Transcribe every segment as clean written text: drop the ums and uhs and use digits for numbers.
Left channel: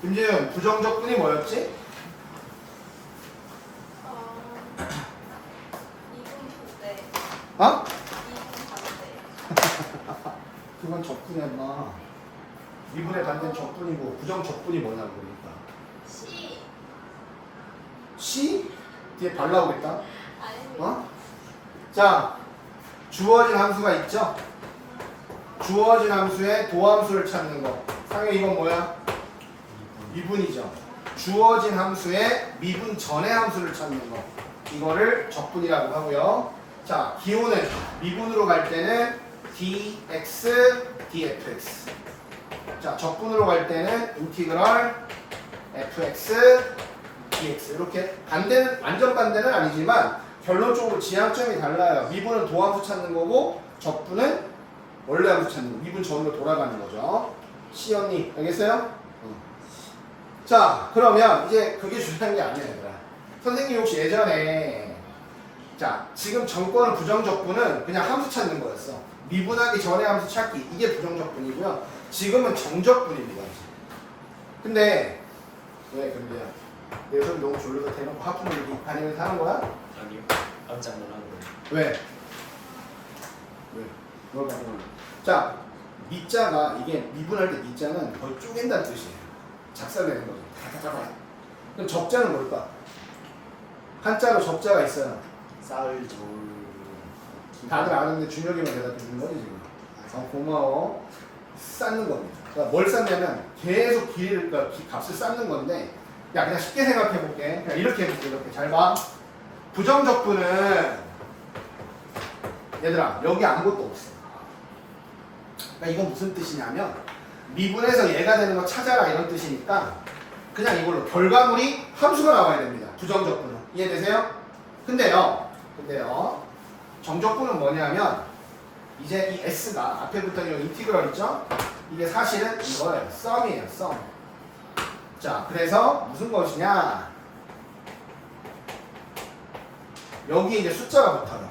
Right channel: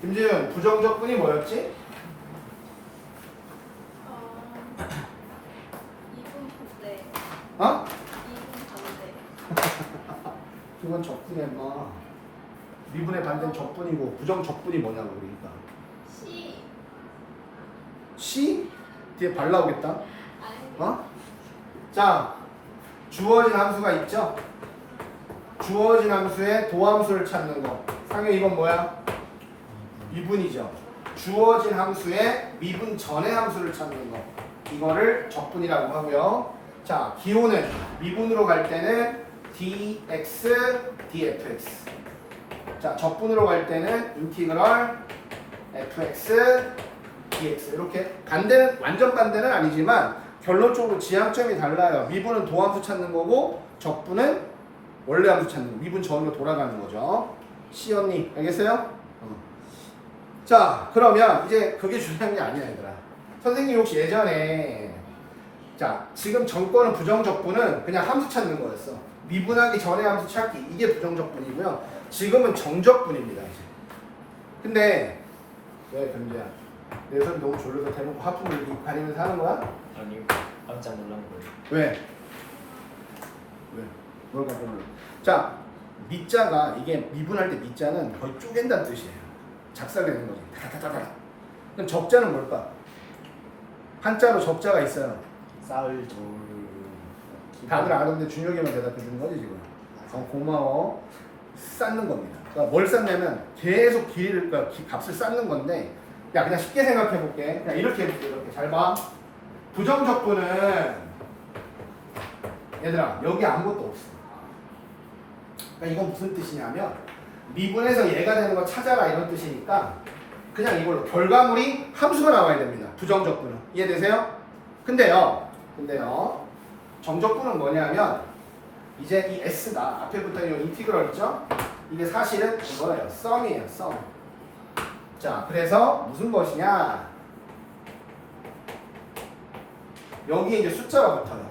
김재현, 부정적분이 뭐였지? 2분 반대. 어? 2분 반대. 그건 적분이야, 인마. 미분의 반대는 적분이고 부정적분이 뭐냐고 그러니까. C. C? 뒤에 발 나오겠다. 아닙니다. 어? 자, 주어진 함수가 있죠? 주어진 함수의 도함수를 찾는 거. 상현 이건 뭐야? 미분이죠. 주어진 함수의 미분 전의 함수를 찾는 거. 이거를 적분이라고 하고요. 자, 기호는 미분으로 갈 때는 dx, dfx. 자, 적분으로 갈 때는 인티그럴 fx, dx. 이렇게 반대는 완전 반대는 아니지만 결론적으로 지향점이 달라요. 미분은 도함수 찾는 거고 적분은 원래 함수 찾는 거. 미분 전으로 돌아가는 거죠. C 언니 알겠어요? 자, 그러면 이제 그게 중요한 게 아니야, 얘들아. 선생님 혹시 예전에 자, 지금 정권은 부정적분은 그냥 함수 찾는 거였어. 미분하기 전에 함수 찾기. 이게 부정적분이고요. 지금은 정적분입니다. 근데 왜 근데야? 내 손 너무 졸려서 대놓고 하품을 이렇게 가리면서 하는 거야? 아니요. 깜짝 놀랐는데. 왜? 왜? 뭘 말하는 자, 미자가 이게 미분할 때 미자는 거의 쪼갠다는 뜻이에요. 작살내는 거지. 다다다다. 그럼 적자는 뭘까? 한자로 적자가 있어요. 쌀 돌. 다들 아는데 준혁이만 대답해 주는 거지 지금. 고마워. 쌓는 겁니다. 그러니까 뭘 쌓냐면 계속 길이를 그러니까 값을 쌓는 건데, 야 그냥 쉽게 생각해 볼게. 그냥 이렇게 해볼게. 이렇게 잘 봐. 부정적분은 얘들아 여기 아무것도 없어. 그러니까 이건 무슨 뜻이냐면 미분해서 얘가 되는 거 찾아라 이런 뜻이니까 그냥 이걸로 결과물이 함수가 나와야 됩니다. 부정적분은 이해되세요? 근데요 정적분은 뭐냐면 이제 이 s가 앞에 붙어 있는 인티그럴 있죠? 이게 사실은 이거예요. 썸이에요. 썸. 자, 그래서 무슨 것이냐? 여기에 이제 숫자가 붙어요.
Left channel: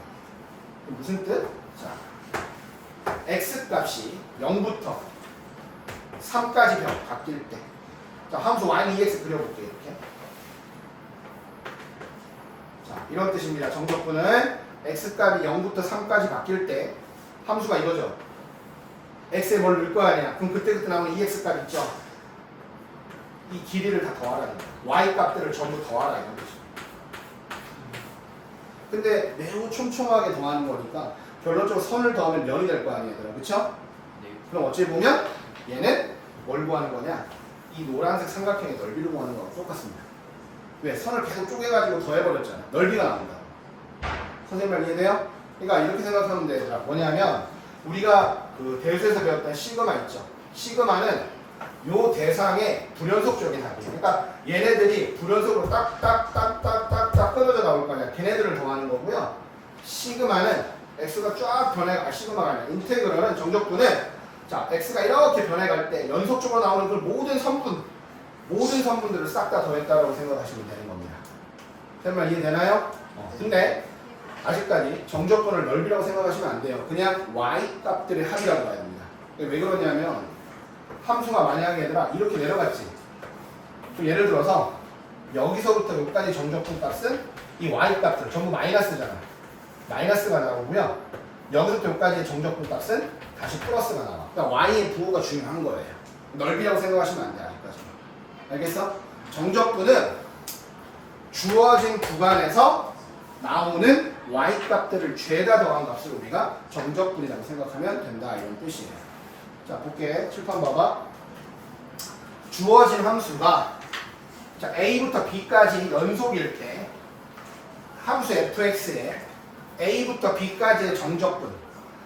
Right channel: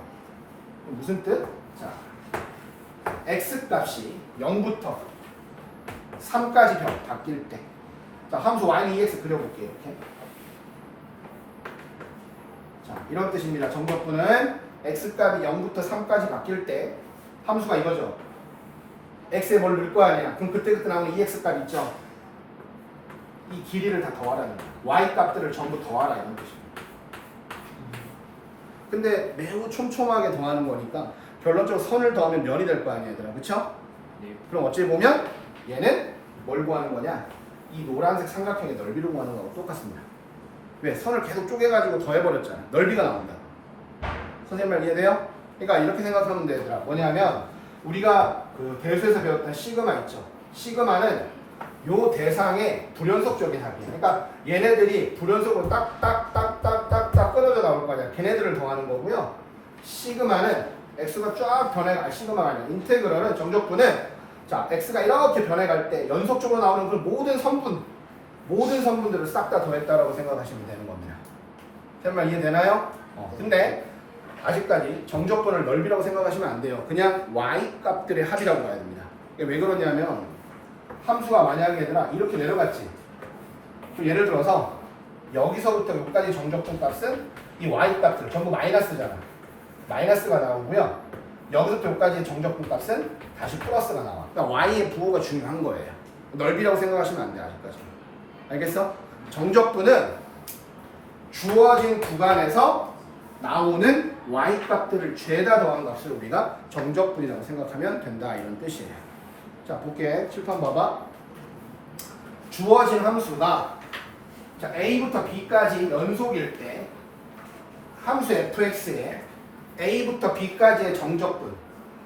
무슨 뜻? 자, x 값이 0부터 3까지 바뀔 때. 자, 함수 y는 2x 그려볼게요. 이렇게. 자, 이런 뜻입니다. 정적분은 x 값이 0부터 3까지 바뀔 때 함수가 이거죠. x에 뭘 넣을 거 아니야. 그럼 그때그때 나오는 2x 값 있죠. 이 길이를 다 더하라는 거야. y 값들을 전부 더하라 이런 뜻입니다. 근데 매우 촘촘하게 더하는 거니까 결론적으로 선을 더하면 면이 될 거 아니에요. 그렇죠? 네. 그럼 어찌 보면 얘는 뭘 구하는 거냐? 이 노란색 삼각형의 넓이를 구하는 거랑 똑같습니다. 왜? 선을 계속 쪼개가지고 더해버렸잖아. 넓이가 나온다. 선생님 말 이해돼요? 그러니까 이렇게 생각하면 돼. 얘들아. 뭐냐면 우리가 그 대수에서 배웠던 시그마 있죠. 시그마는 요 대상의 불연속적인 합이에요. 그러니까 얘네들이 불연속으로 딱딱딱딱딱딱 끊어져 나올 거 아니야. 걔네들을 더하는 거고요. 시그마는 x가 쫙 변해, 시그마가 아니라 인테그럴은 정적분은 자 x가 이렇게 변해갈 때 연속적으로 나오는 그 모든 선분들을 싹 다 더했다라고 생각하시면 되는 겁니다. 설마 이해되나요? 근데 아직까지 정적분을 넓이라고 생각하시면 안 돼요. 그냥 y 값들의 합이라고 봐야 됩니다. 왜 그러냐면 함수가 만약에 얘들아 이렇게 내려갔지. 그럼 예를 들어서 여기서부터 여기까지 정적분 값은 이 y 값들 전부 마이너스잖아. 마이너스가 나오고요. 여기서부터 여기까지의 정적분 값은 다시 플러스가 나와. 그러니까 y의 부호가 중요한 거예요. 넓이라고 생각하시면 안 돼. 아직까지. 알겠어? 정적분은 주어진 구간에서 나오는 y 값들을 죄다 더한 값을 우리가 정적분이라고 생각하면 된다 이런 뜻이에요. 자 볼게. 칠판 봐봐. 주어진 함수가 자 a부터 b까지 연속일 때 함수 fx에 a부터 b까지의 정적분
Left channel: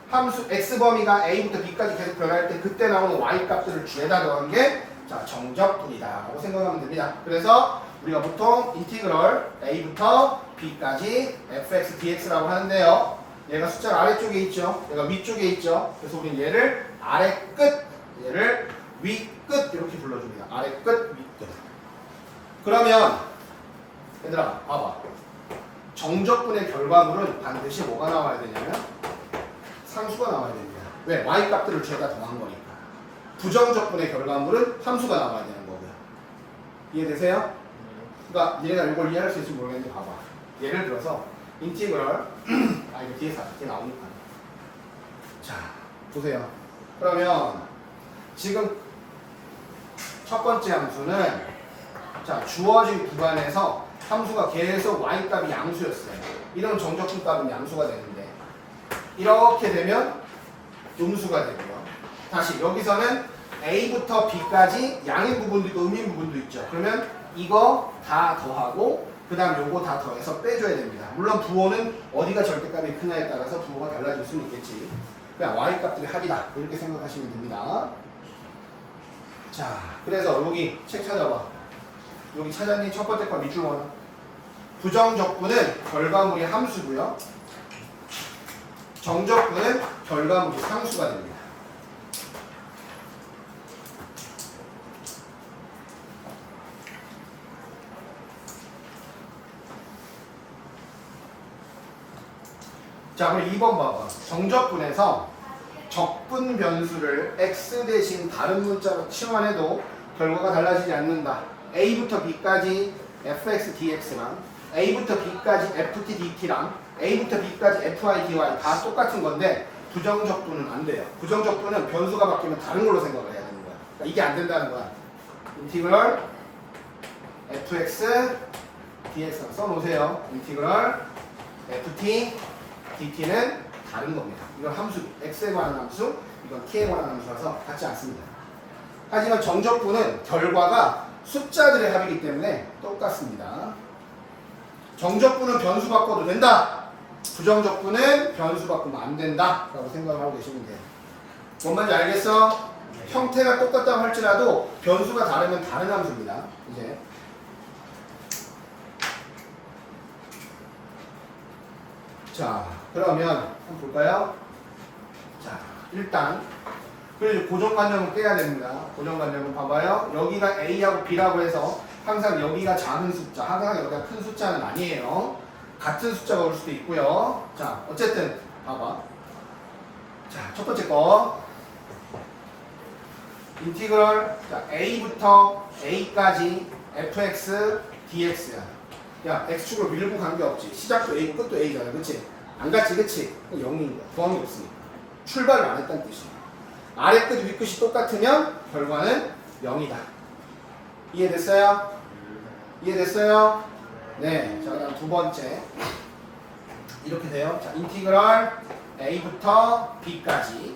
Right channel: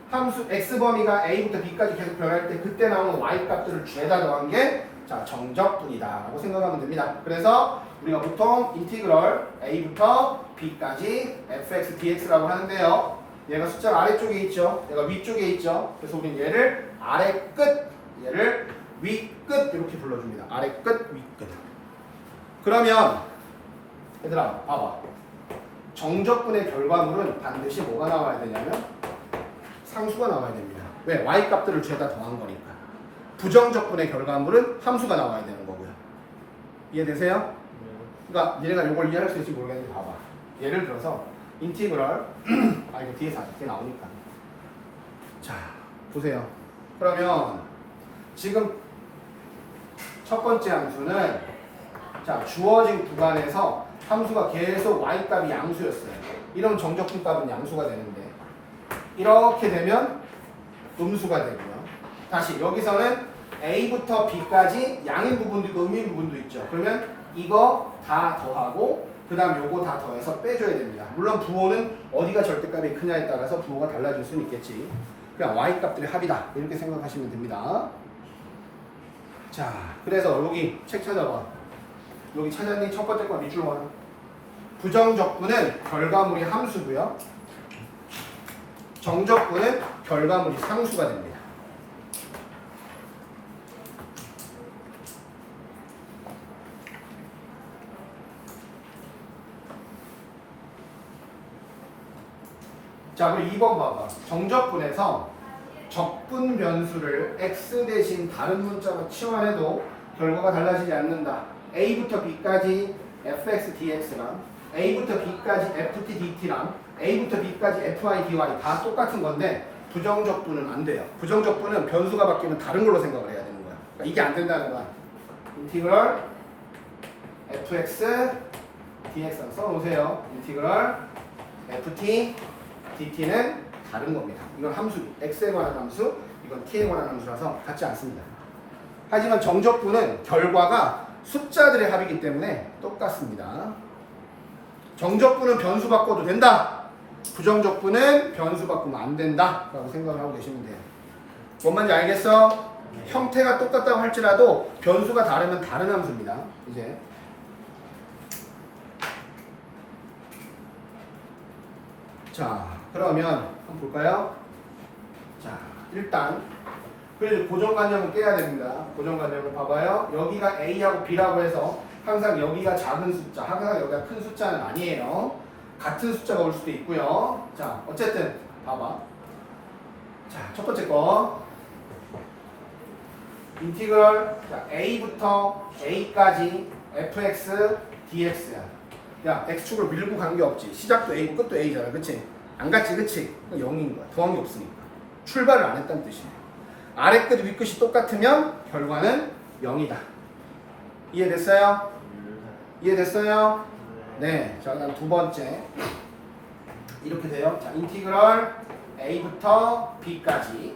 함수 x 범위가 a부터 b까지 계속 변할 때 그때 나오는 y 값들을 죄다 더한 게 자 정적분이다 라고 생각하면 됩니다. 그래서 우리가 보통 인티그럴 a부터 b까지 fx dx라고 하는데요. 얘가 숫자 아래쪽에 있죠. 얘가 위쪽에 있죠. 그래서 우리는 얘를 아래 끝, 얘를 위 끝 이렇게 불러줍니다. 아래 끝, 위 끝. 그러면 얘들아 봐봐. 정적분의 결과물은 반드시 뭐가 나와야 되냐면 상수가 나와야 됩니다. 왜? y 값들을 죄다 더한 거니까. 부정적분의 결과물은 함수가 나와야 되는 거고요. 이해되세요? 그러니까 얘가 이걸 이해할 수 있을지 모르겠는데 봐봐. 예를 들어서 인티그럴 아 이거 뒤에서 앞에 나오니까. 자 보세요. 그러면 지금 첫 번째 함수는 자 주어진 구간에서 함수가 계속 y 값이 양수였어요. 이런 정적분 값은 양수가 되는데 이렇게 되면 음수가 되고요. 다시 여기서는 a부터 b까지 양인 부분도 있고 음인 부분도 있죠. 그러면 이거 다 더하고 그 다음 요거 다 더해서 빼줘야 됩니다. 물론 부호는 어디가 절대값이 크냐에 따라서 부호가 달라질 수는 있겠지. 그냥 y 값들이 합이다 이렇게 생각하시면 됩니다. 자 그래서 여기 책 찾아봐. 여기 찾았니? 첫 번째 거 밑줄 원. 부정적분은 결과물이 함수고요. 정적분은 결과물이 상수가 됩니다. 자 그럼 2번 봐봐. 정적분에서 적분 변수를 x 대신 다른 문자로 치환해도 결과가 달라지지 않는다. a부터 b까지 fx dx랑 a부터 b까지 ft dt랑 a부터 b까지 fi dy 다 똑같은 건데 부정적분은 안 돼요. 부정적분은 변수가 바뀌면 다른 걸로 생각을 해야 되는 거야. 그러니까 이게 안 된다는 거야. 인티그럴 fx dx 써놓으세요. 인티그럴 ft dt는 다른 겁니다. 이건 함수, x에 관한 함수, 이건 t에 관한 함수라서 같지 않습니다. 하지만 정적분은 결과가 숫자들의 합이기 때문에 똑같습니다. 정적분은 변수 바꿔도 된다. 부정적분은 변수 바꾸면 안 된다. 라고 생각을 하고 계시면 돼요. 뭔 말인지 알겠어? 형태가 똑같다고 할지라도 변수가 다르면 다른 함수입니다. 이제 자 그러면 한번 볼까요? 자 일단 그래서 고정관념을 깨야 됩니다. 고정관념을 봐봐요. 여기가 A하고 B라고 해서 항상 여기가 작은 숫자, 항상 여기가 큰 숫자는 아니에요. 같은 숫자가 올 수도 있고요. 자 어쨌든 봐봐. 자 첫 번째 거 인티그럴 자, A부터 A까지 fx dx야. 야 x축으로 밀고 간 게 없지. 시작도 A 끝도 A잖아. 그치? 안 갔지 그치? 그거 0인 거야. 구함이 없으니까. 출발을 안 했다는 뜻이야. 아래 끝 위 끝이 똑같으면 결과는 0이다. 이해됐어요? 이해됐어요? 네. 자 그럼 두 번째 이렇게 돼요. 자 인티그럴 A부터 B까지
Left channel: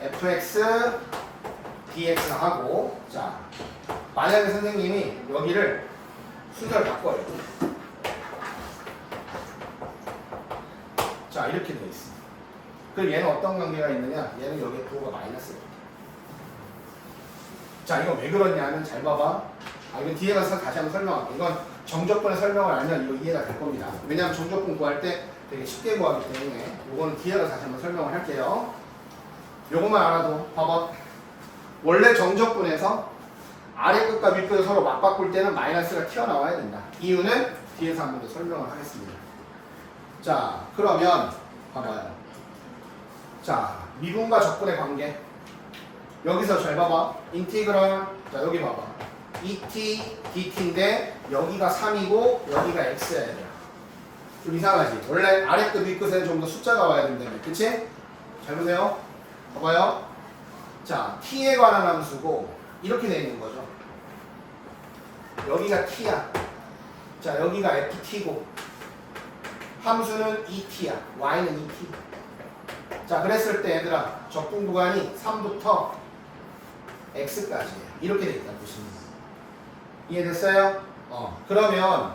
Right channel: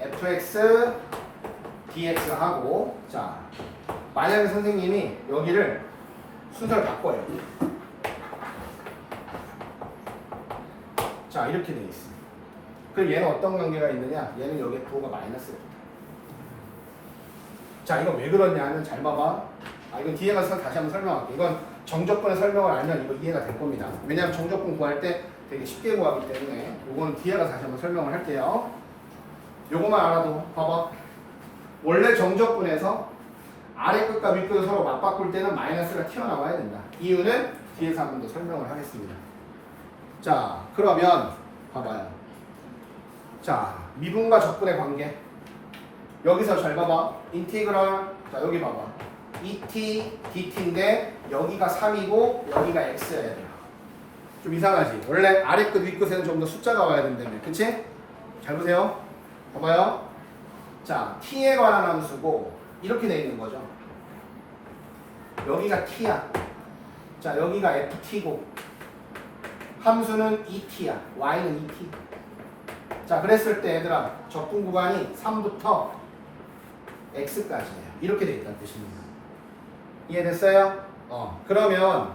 fx dx 하고 자 만약에 선생님이 여기를 순서를 바꿔요. 자 이렇게 되어 있습니다. 그럼 얘는 어떤 관계가 있느냐? 얘는 여기에 부호가 마이너스가 있다. 자 이거 왜 그러냐면 잘 봐봐. 이건 뒤에 가서 다시 한번 설명할게. 이건 정적분의 설명을 알면 이거 이해가 될 겁니다. 왜냐하면 정적분 구할 때 되게 쉽게 구하기 때문에 이건 뒤에 가서 다시 한번 설명을 할게요. 요것만 알아도 봐봐. 원래 정적분에서 아래 끝과 윗 끝을 서로 맞바꿀 때는 마이너스가 튀어나와야 된다. 이유는 뒤에서 한 번 더 설명을 하겠습니다. 자 그러면 봐봐요. 자 미분과 적분의 관계 여기서 잘 봐봐. 인티그랄 자 여기 봐봐. et dt인데 여기가 3이고 여기가 x여야 돼. 좀 이상하지? 원래 아래 끝 윗 끝에는 좀 더 숫자가 와야 된다며. 그치? 잘 보세요. 봐봐요. 자 t에 관한 함수고 이렇게 돼 있는 거죠. 여기가 t야. 자 여기가 ft고 함수는 et야. y는 et. 자 그랬을 때 얘들아 적분 구간이 3부터 x까지예요. 이렇게 돼 있다는 뜻입니다. 이해됐어요? 그러면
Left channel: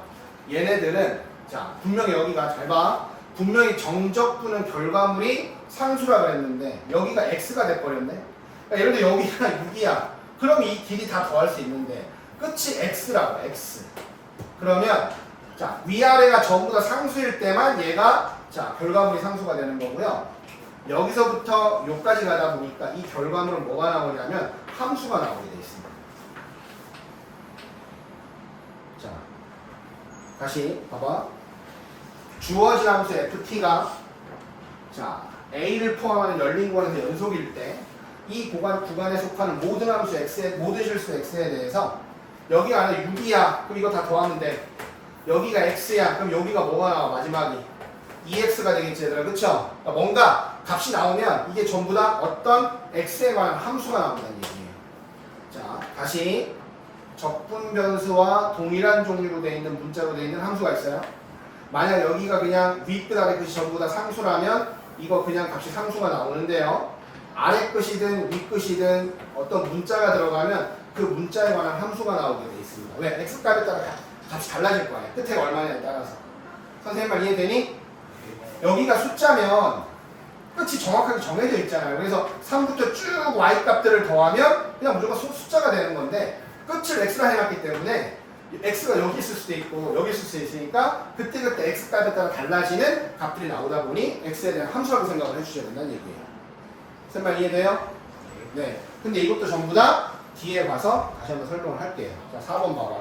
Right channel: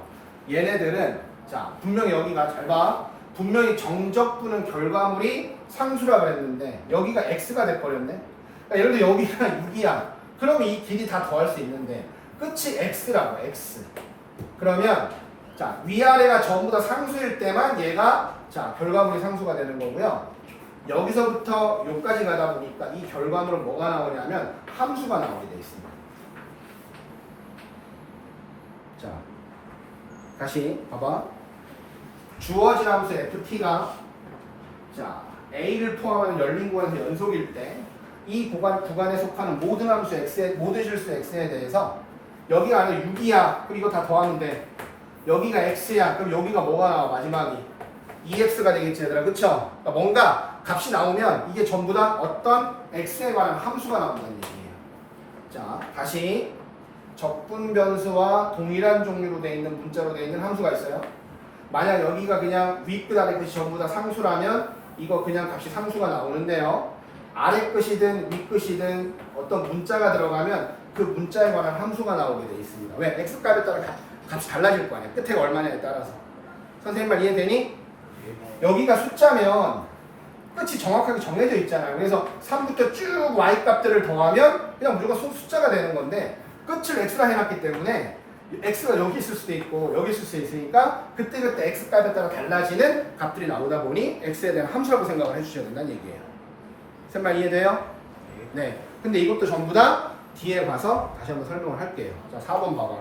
얘네들은 자 분명히 여기가 잘 봐. 분명히 정적분은 결과물이 상수라고 했는데 여기가 x가 돼버렸네. 그러니까 예를 들어 여기가 6이야. 그럼 이 길이 다 더할 수 있는데 끝이 x라고 x. 그러면 자 위아래가 전부 다 상수일 때만 얘가 자 결과물이 상수가 되는 거고요. 여기서부터 여기까지 가다 보니까 이 결과물은 뭐가 나오냐면 함수가 나오게 돼 있습니다. 자 다시 봐봐. 주어진 함수 ft가 자 a를 포함하는 열린 구간에서 연속일 때 이 구간에 속하는 모든 함수 x에 모든 실수 x에 대해서 여기가 아니라 6이야. 그럼 이거 다 더하는데 여기가 x야. 그럼 여기가 뭐가 나와? 마지막이 2x가 되겠지 얘들아. 그쵸? 그러니까 뭔가 값이 나오면 이게 전부 다 어떤 x에 관한 함수가 나온다는 얘기예요. 자, 다시 적분 변수와 동일한 종류로 되어 있는 문자로 되어 있는 함수가 있어요. 만약 여기가 그냥 윗끝 아래 끝이 전부 다 상수라면 이거 그냥 값이 상수가 나오는데요. 아래 끝이든 윗 끝이든 어떤 문자가 들어가면 그 문자에 관한 함수가 나오게 되어 있습니다. 왜? x값에 따라 값이 달라질 거예요. 끝에 얼마냐에 따라서. 선생님 말 이해되니? 여기가 숫자면 끝이 정확하게 정해져 있잖아요. 그래서 3부터 쭉 y 값들을 더하면 그냥 무조건 숫자가 되는 건데 끝을 x라 해놨기 때문에 x가 여기 있을 수도 있고 여기 있을 수도 있으니까 그때그때 x 값에 따라 달라지는 값들이 나오다 보니 x에 대한 함수라고 생각을 해주셔야 된다는 얘기예요. 선생님 말 이해돼요? 네. 근데 이것도 전부 다 뒤에 가서 다시 한번 설명을 할게요. 자, 4번 봐봐.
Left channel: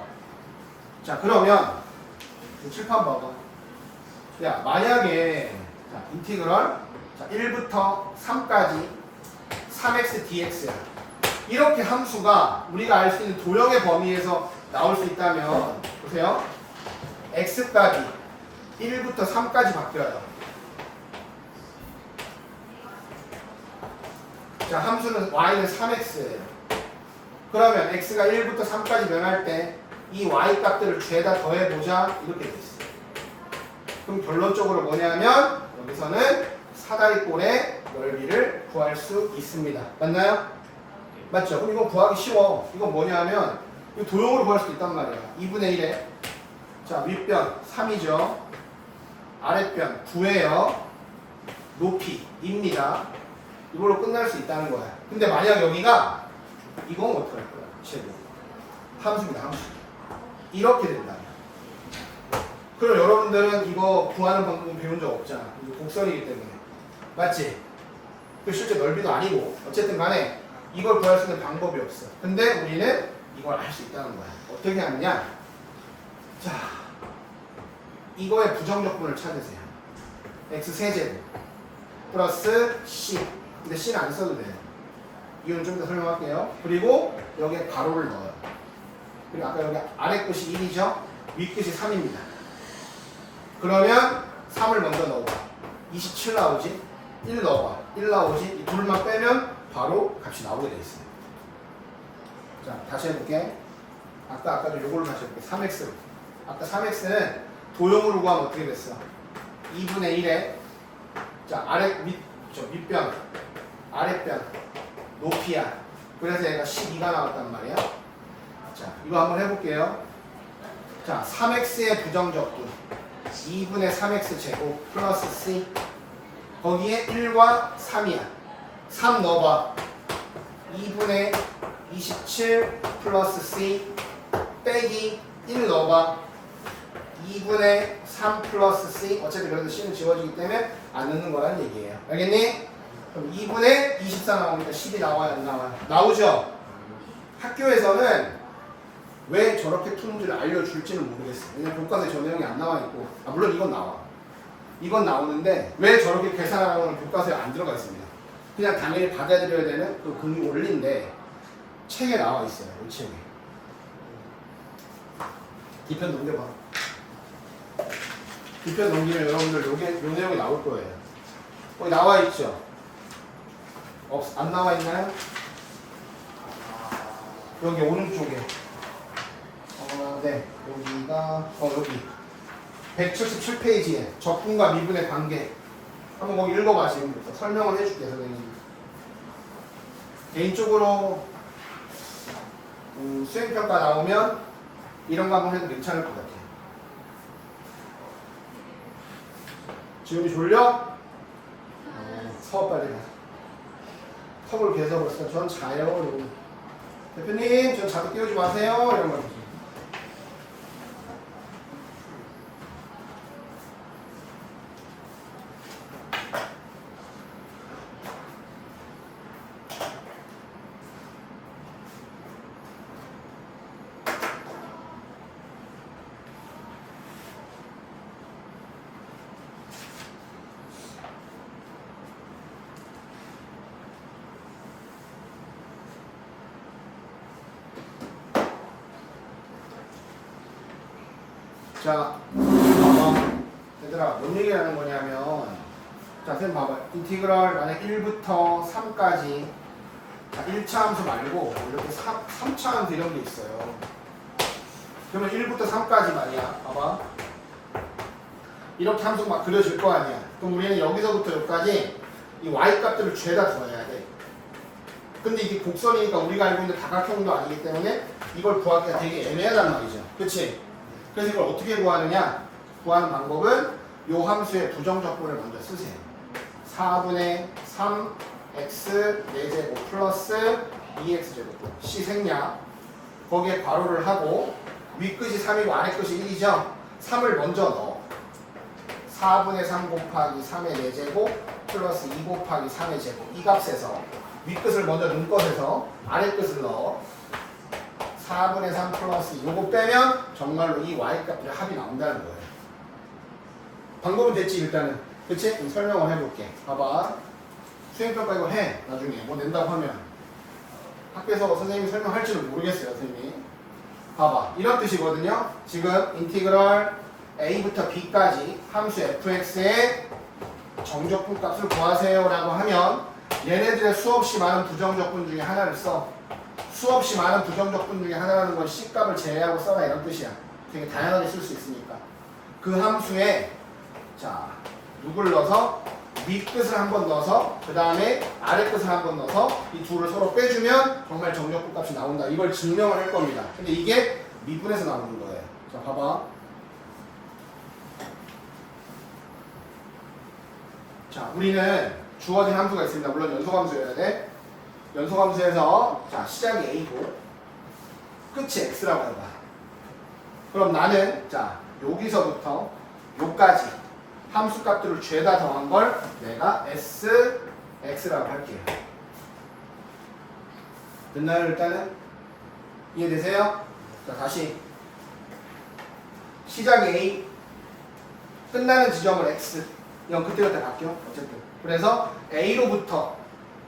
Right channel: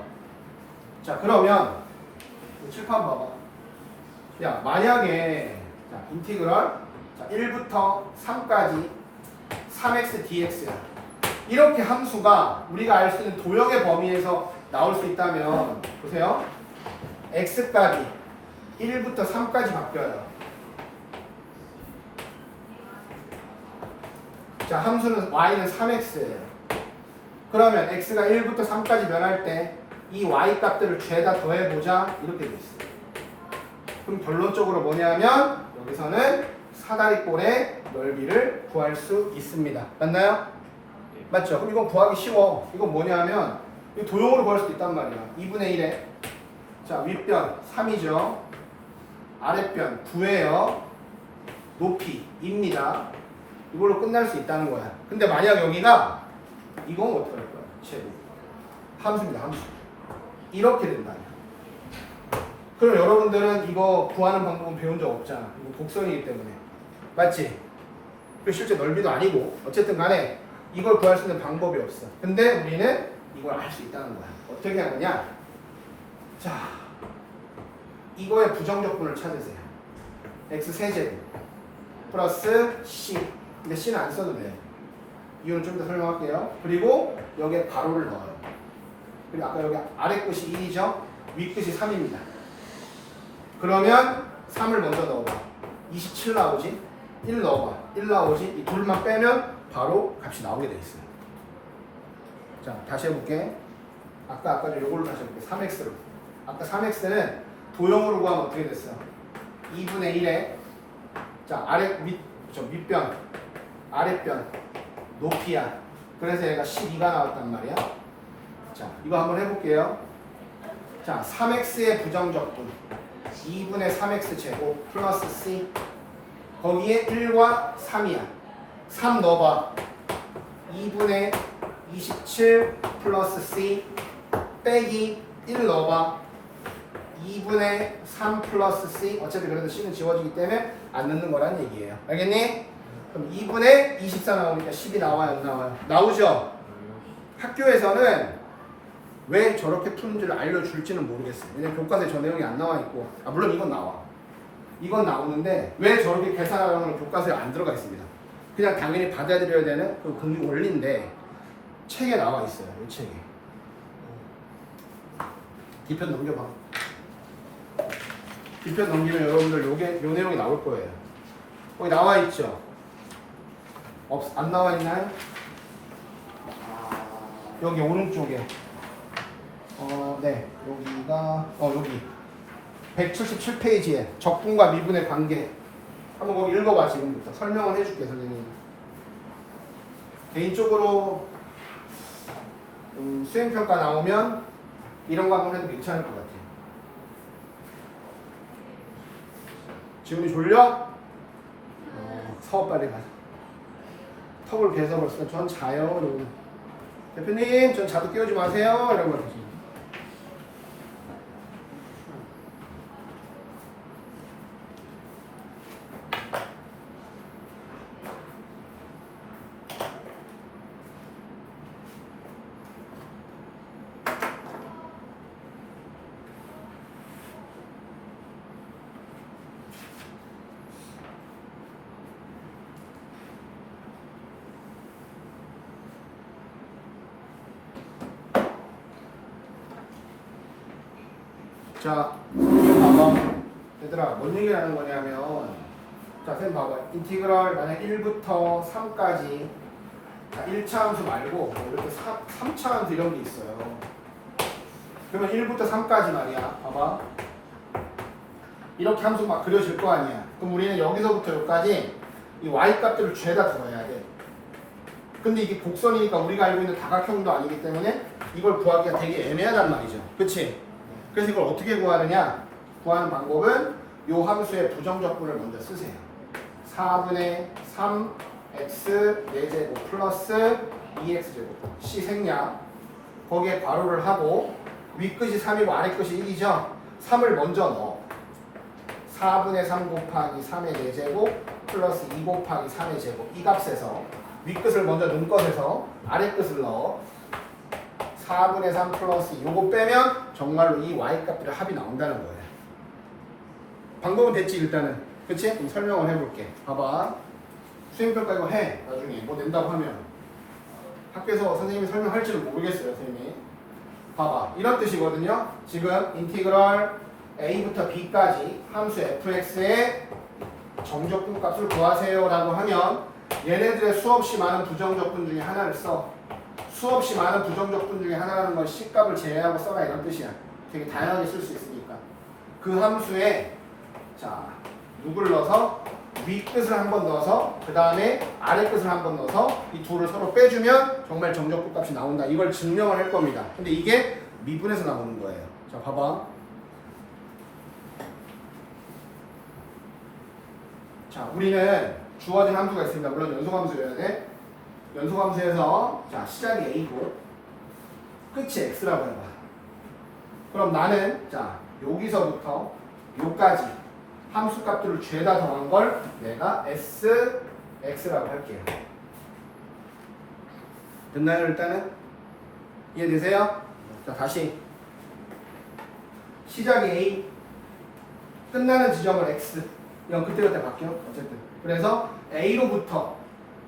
자, 그러면 칠판 봐봐. 야, 만약에 자, 인티그럴 자, 1부터 3까지 3x dx야. 이렇게 함수가 우리가 알 수 있는 도형의 범위에서 나올 수 있다면 보세요. x값이 1부터 3까지 바뀌어요. 자, 함수는 y는 3x예요. 그러면 x가 1부터 3까지 변할 때 이 y 값들을 죄다 더해보자 이렇게 돼 있어요. 그럼 결론적으로 뭐냐면 여기서는 사다리꼴의 넓이를 구할 수 있습니다. 맞나요? 맞죠? 그럼 이건 구하기 쉬워. 이건 뭐냐면 이 도형으로 구할 수도 있단 말이야. 2분의 1에 자, 윗변 3이죠. 아랫변 9예요. 높이 2입니다. 이걸로 끝날 수 있다는 거야. 근데 만약 여기가 이건 어떻게 할 거야? 제곱. 함수입니다. 함수. 이렇게 된다. 그럼 여러분들은 이거 구하는 방법은 배운 적 없잖아. 이거 곡선이기 때문에. 맞지? 그 실제 넓이도 아니고 어쨌든 간에 이걸 구할 수 있는 방법이 없어. 근데 우리는 이걸 알 수 있다는 거야. 어떻게 하느냐? 자, 이거의 부정적분을 찾으세요. x 세제곱 플러스 c. 근데 c는 안 써도 돼요. 이유는 좀 더 설명할게요. 그리고 여기에 가로를 넣어요. 그리고 아까 여기 아래 끝이 1이죠? 윗 끝이 3입니다. 그러면 3을 먼저 넣어봐. 27 나오지? 1 넣어봐. 1 나오지? 이 둘만 빼면 바로 값이 나오게 돼 있어요. 자, 다시 해볼게. 아까 요걸로 다시 해볼게. 3x로. 아까 3x는 도형으로 구하면 어떻게 됐어? 2분의 1에 자, 윗변, 아랫변, 높이야. 그래서 얘가 12가 나왔단 말이야. 자, 이거 한번 해볼게요. 자, 3x의 부정적분 2분의 3x 제곱 플러스 c 거기에 1과 3이야. 3 넣어봐. 2분의 27 플러스 c 빼기 1 넣어봐. 2분의 3 플러스 c 어차피 그래도 c는 지워지기 때문에 안 넣는 거라는 얘기예요. 알겠니? 그럼 2분의 24 나오니까 10이 나와요? 안 나와요? 나오죠? 학교에서는 왜 저렇게 푸는지를 알려줄지는 모르겠어요. 왜냐면 교과서에 저 내용이 안 나와 있고 물론 이건 나와. 이건 나오는데 왜 저렇게 계산하라는 건 교과서에 안 들어가 있습니다. 그냥 당연히 받아들여야 되는 그 금리 원리인데 책에 나와 있어요. 이 책에. 뒤편 넘겨봐. 뒤편 넘기면 여러분들 요 내용이 나올 거예요. 여기 나와 있죠? 안 나와 있나요? 여기 오른쪽에. 네. 여기가 여기 177페이지에 적분과 미분의 관계. 한번 거기 읽어봐 지금부터. 설명을 해줄게 선생님. 개인적으로 수행평가 나오면 이런 거 한번 해도 괜찮을 것 같아요. 지금이 졸려? 서 빨리 가. 턱을 개서 벌써 전 자요. 그러고 대표님 전 자도 깨우지 마세요. 이런 거. 자, 얘들아, 뭔 얘기를 하는 거냐면, 자, 선생님 봐봐. 인티그럴 만약 1부터 3까지, 자, 1차 함수 말고 이렇게 3차 함수 이런 게 있어요. 그러면 1부터 3까지 말이야. 봐봐. 이렇게 함수 막 그려질 거 아니야. 그럼 우리는 여기서부터 여기까지 이 y 값들을 죄다 더해야 돼. 근데 이게 곡선이니까 우리가 알고 있는 다각형도 아니기 때문에 이걸 구하기가 되게 애매하단 말이죠. 그치? 그래서 이걸 어떻게 구하느냐? 구하는 방법은 요 함수의 부정적분을 먼저 쓰세요. 4분의 3 x 4제곱 플러스 2x제곱 c 생략. 거기에 괄호를 하고 윗끝이 3이고 아래끝이 1이죠. 3을 먼저 넣어. 4분의 3 곱하기 3의 4제곱 플러스 2 곱하기 3의 제곱. 이 값에서 윗끝을 먼저 넣은 것에서 아래끝을 넣어. 4분의 3 플러스 요거 빼면 정말로 이 y값들의 합이 나온다는 거예요. 방법은 됐지 일단은. 그치? 그럼 설명을 해볼게. 봐봐. 수행평가 이거 해. 나중에 뭐 낸다고 하면 학교에서 선생님이 설명할지도 모르겠어요. 선생님이. 봐봐. 이런 뜻이거든요. 지금 인티그럴 a부터 b까지 함수 fx의 정적분 값을 구하세요 라고 하면 얘네들의 수없이 많은 부정적분 중에 하나를 써. 수없이 많은 부정적분 중에 하나라는 건 C값을 제외하고 써라 이런 뜻이야. 되게 다양하게 쓸 수 있으니까. 그 함수에 자 누굴 넣어서 윗끝을 한번 넣어서 그 다음에 아래끝을 한번 넣어서 이 둘을 서로 빼주면 정말 정적분 값이 나온다. 이걸 증명을 할 겁니다. 근데 이게 미분에서 나오는 거예요. 자 봐봐. 자 우리는 주어진 함수가 있습니다. 물론 연속함수여야 돼. 연속함수에서 자 시작이 a고 끝이 x라고 해봐. 그럼 나는 자 여기서부터 여기까지 함수 값들을 죄다 더한 걸 내가 x라고 할게요. 됐나요 일단은? 이해되세요? 자 다시 시작이 a 끝나는 지점을 x 이건 그때그때 바뀌어 어쨌든. 그래서 a로부터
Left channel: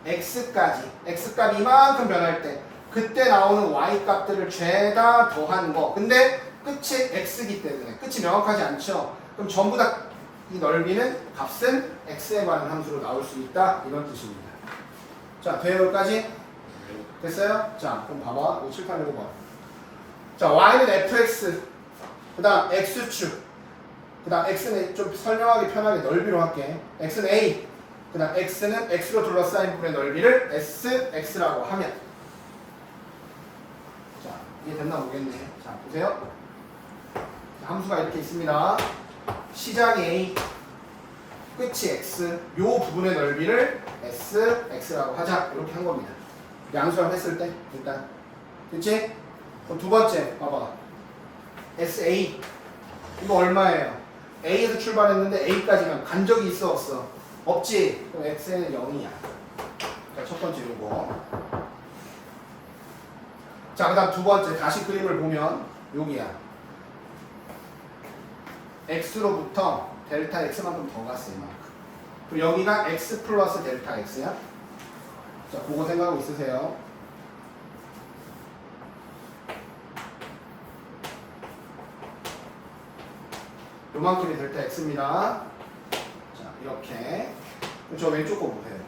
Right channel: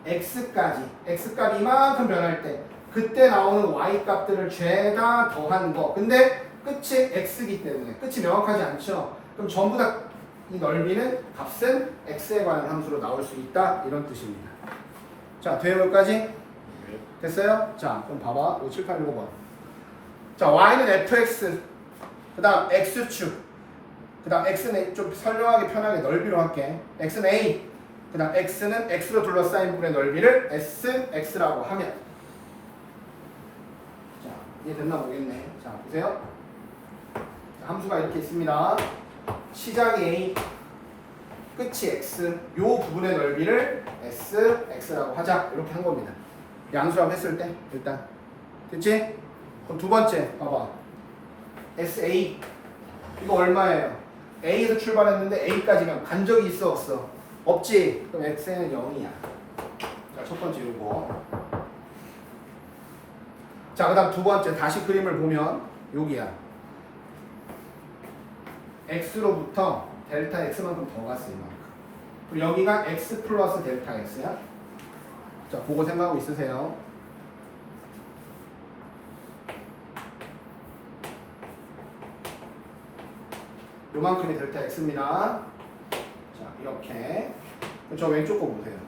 x까지 x값이 이만큼 변할 때 그때 나오는 y 값들을 죄다 더하는 거. 근데 끝이 x이기 때문에 끝이 명확하지 않죠. 그럼 전부 다 이 넓이는 값은 x에 관한 함수로 나올 수 있다 이런 뜻입니다. 자 대여기까지 됐어요? 자 그럼 봐봐. 이거 칠판 읽어봐. 자 y는 fx 그 다음 x축 그 다음 x는 좀 설명하기 편하게 넓이로 할게. x는 a 그 다음 x는 x로 둘러싸인 부분의 넓이를 sx라고 하면 자 이해됐나 모르겠네. 자 보세요. 자, 함수가 이렇게 있습니다. 시작이 a 끝이 x 요 부분의 넓이를 sx라고 하자 이렇게 한 겁니다. 양수랑 했을 때 일단 됐지? 그럼 두 번째 봐봐. sa 이거 얼마예요? a에서 출발했는데 a까지만 간 적이 있어 없어? 없지? 그럼 x는 0이야. 자, 첫 번째 요거. 자, 그 다음 두 번째 다시 그림을 보면 여기야. x로부터 델타 x만큼 더 갔어요. 그럼 여기가 x 플러스 델타 x야. 자, 그거 생각하고 있으세요. 요만큼이 델타 x입니다. 자, 이렇게. 저 왼쪽 거 보세요.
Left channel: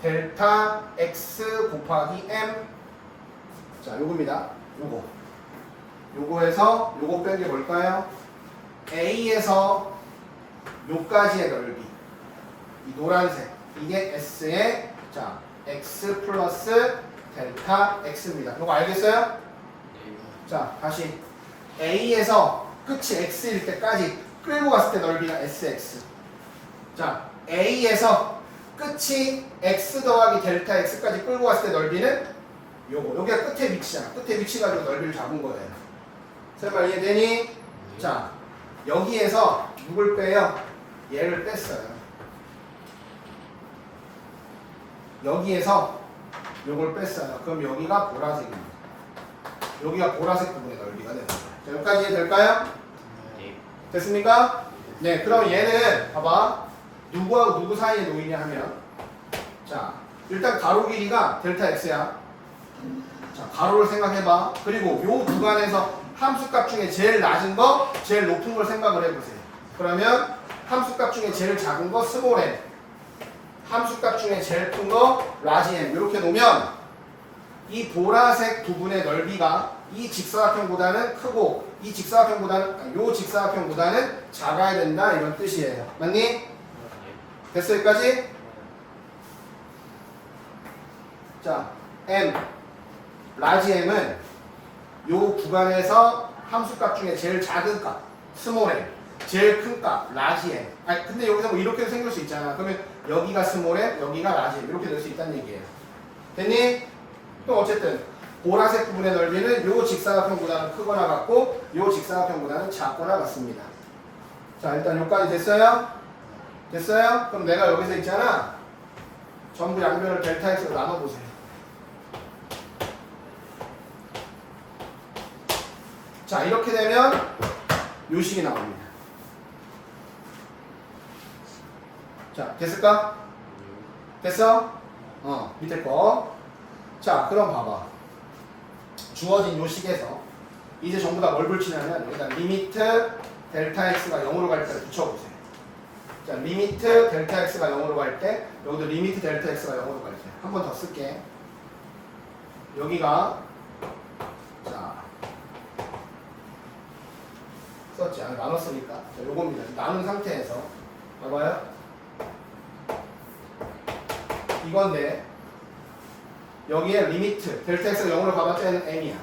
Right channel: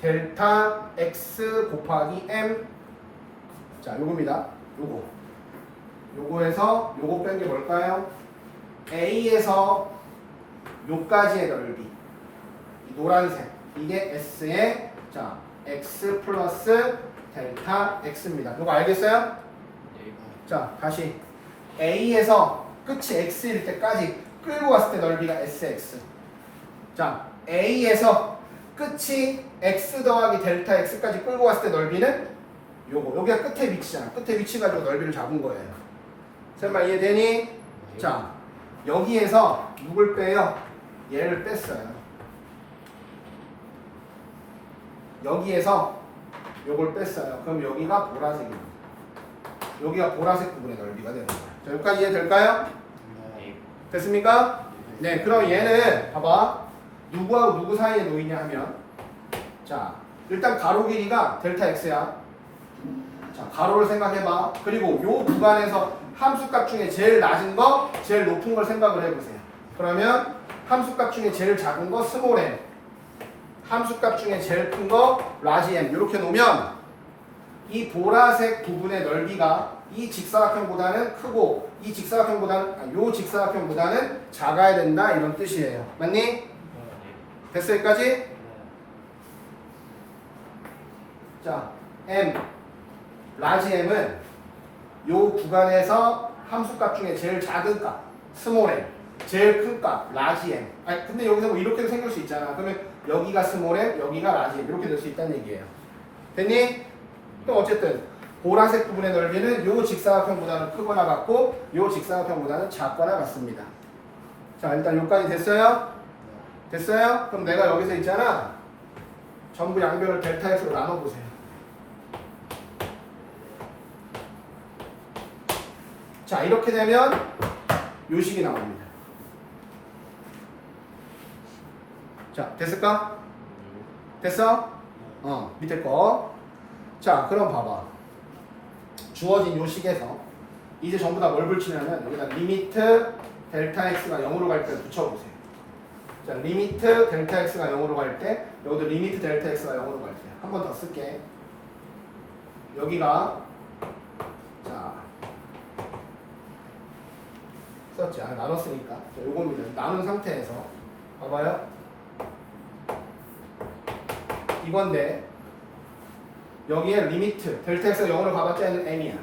델타 x 곱하기 m. 자, 요겁니다. 요거에서 요거 뺀 게 뭘까요? a에서 요까지의 넓이. 이 노란색. 이게 s의 자, x 플러스 델타 x입니다. 요거 알겠어요? 자, 다시 a에서 끝이 x일 때까지 끌고 갔을 때 넓이가 sx. 자, a에서 끝이 x 더하기 델타 x까지 끌고 갔을 때 넓이는 요거. 여기가 끝에 위치잖아. 끝에 위치 가지고 넓이를 잡은 거예요. 쌤말 이해되니? 자, 여기에서 누굴 빼요? 얘를 뺐어요. 여기에서 요걸 뺐어요. 그럼 여기가 보라색입니다. 여기가 보라색 부분의 넓이가 되는 거예요. 자, 여기까지 될까요? 됐습니까? 네, 그럼 얘는 봐봐. 누구하고 누구 사이에 놓이냐 하면 자, 일단 가로 길이가 델타 x야. 자, 가로를 생각해봐. 그리고 요 구간에서 함수값 중에 제일 낮은 거, 제일 높은 걸 생각을 해보세요. 그러면 함수값 중에 제일 작은 거 스몰 m, 함수값 중에 제일 큰 거 라지 m 이렇게 놓으면 이 보라색 부분의 넓이가 이 직사각형보다는 크고 이 직사각형보다는 요 직사각형보다는 작아야 된다 이런 뜻이에요. 맞니? 됐어 여기까지? 자, m 라지 m은 요 구간에서 함수값 중에 제일 작은 값 스몰 m, 제일 큰 값 라지 m. 아니 근데 여기서 뭐 이렇게 생길 수 있잖아. 그러면 여기가 스몰 m, 여기가 라지 m 이렇게 될 수 있다는 얘기예요. 됐니? 그럼 어쨌든 보라색 부분의 넓이는 요 직사각형보다는 크거나 같고 요 직사각형보다는 작거나 같습니다. 자 일단 여기까지 됐어요? 됐어요? 그럼 내가 여기서 있잖아. 전부 양변을 델타 x로 나눠보세요. 자 이렇게 되면 요 식이 나옵니다. 자 됐을까? 됐어? 밑에 거. 자 그럼 봐봐. 주어진 요 식에서 이제 전부 다 뭘 붙이냐면 여기다 리미트 델타 x가 0으로 갈 때 붙여보세요. 자 리미트 델타 x가 0으로 갈 때 여기도 리미트 델타 x가 0으로 갈 때 한 번 더 쓸게. 여기가 자 썼지 않아? 나눴으니까 자, 요겁니다. 나눈 상태에서 봐봐요. 이건데 여기에 리미트 델타 x가 0으로 가봤자 얘는 m이야.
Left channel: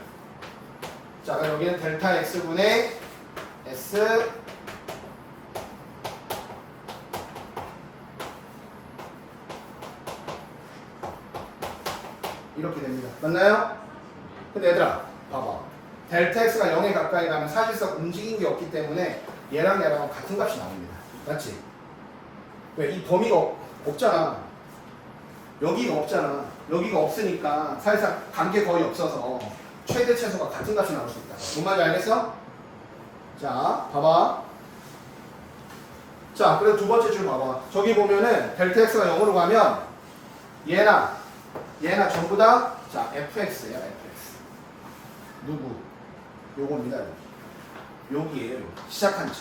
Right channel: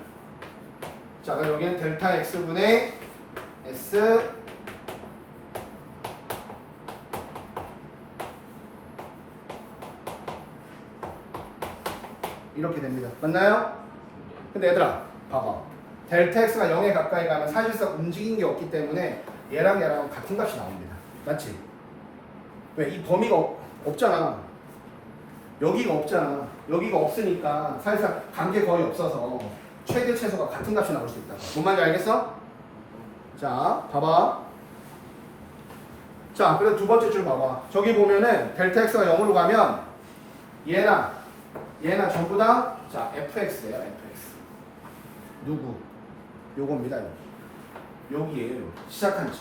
자 그럼 여기는 델타 x분의 s 이렇게 됩니다. 맞나요? 근데 얘들아 봐봐. 델타 x가 0에 가까이 가면 사실상 움직인 게 없기 때문에 얘랑 같은 값이 나옵니다. 맞지? 왜? 이 범위가 없잖아. 여기가 없잖아. 여기가 없으니까 사실상 관계 거의 없어서 최대 최소가 같은 값이 나올 수 있다. 뭔 말인지 알겠어? 자, 봐봐. 자, 그래서 두 번째 줄 봐봐. 저기 보면은 델타 x가 0으로 가면 얘랑 전부 다 자, fx예요, fx. 누구? 요겁니다, 여기. 여기에요, 여기. 시작한 점.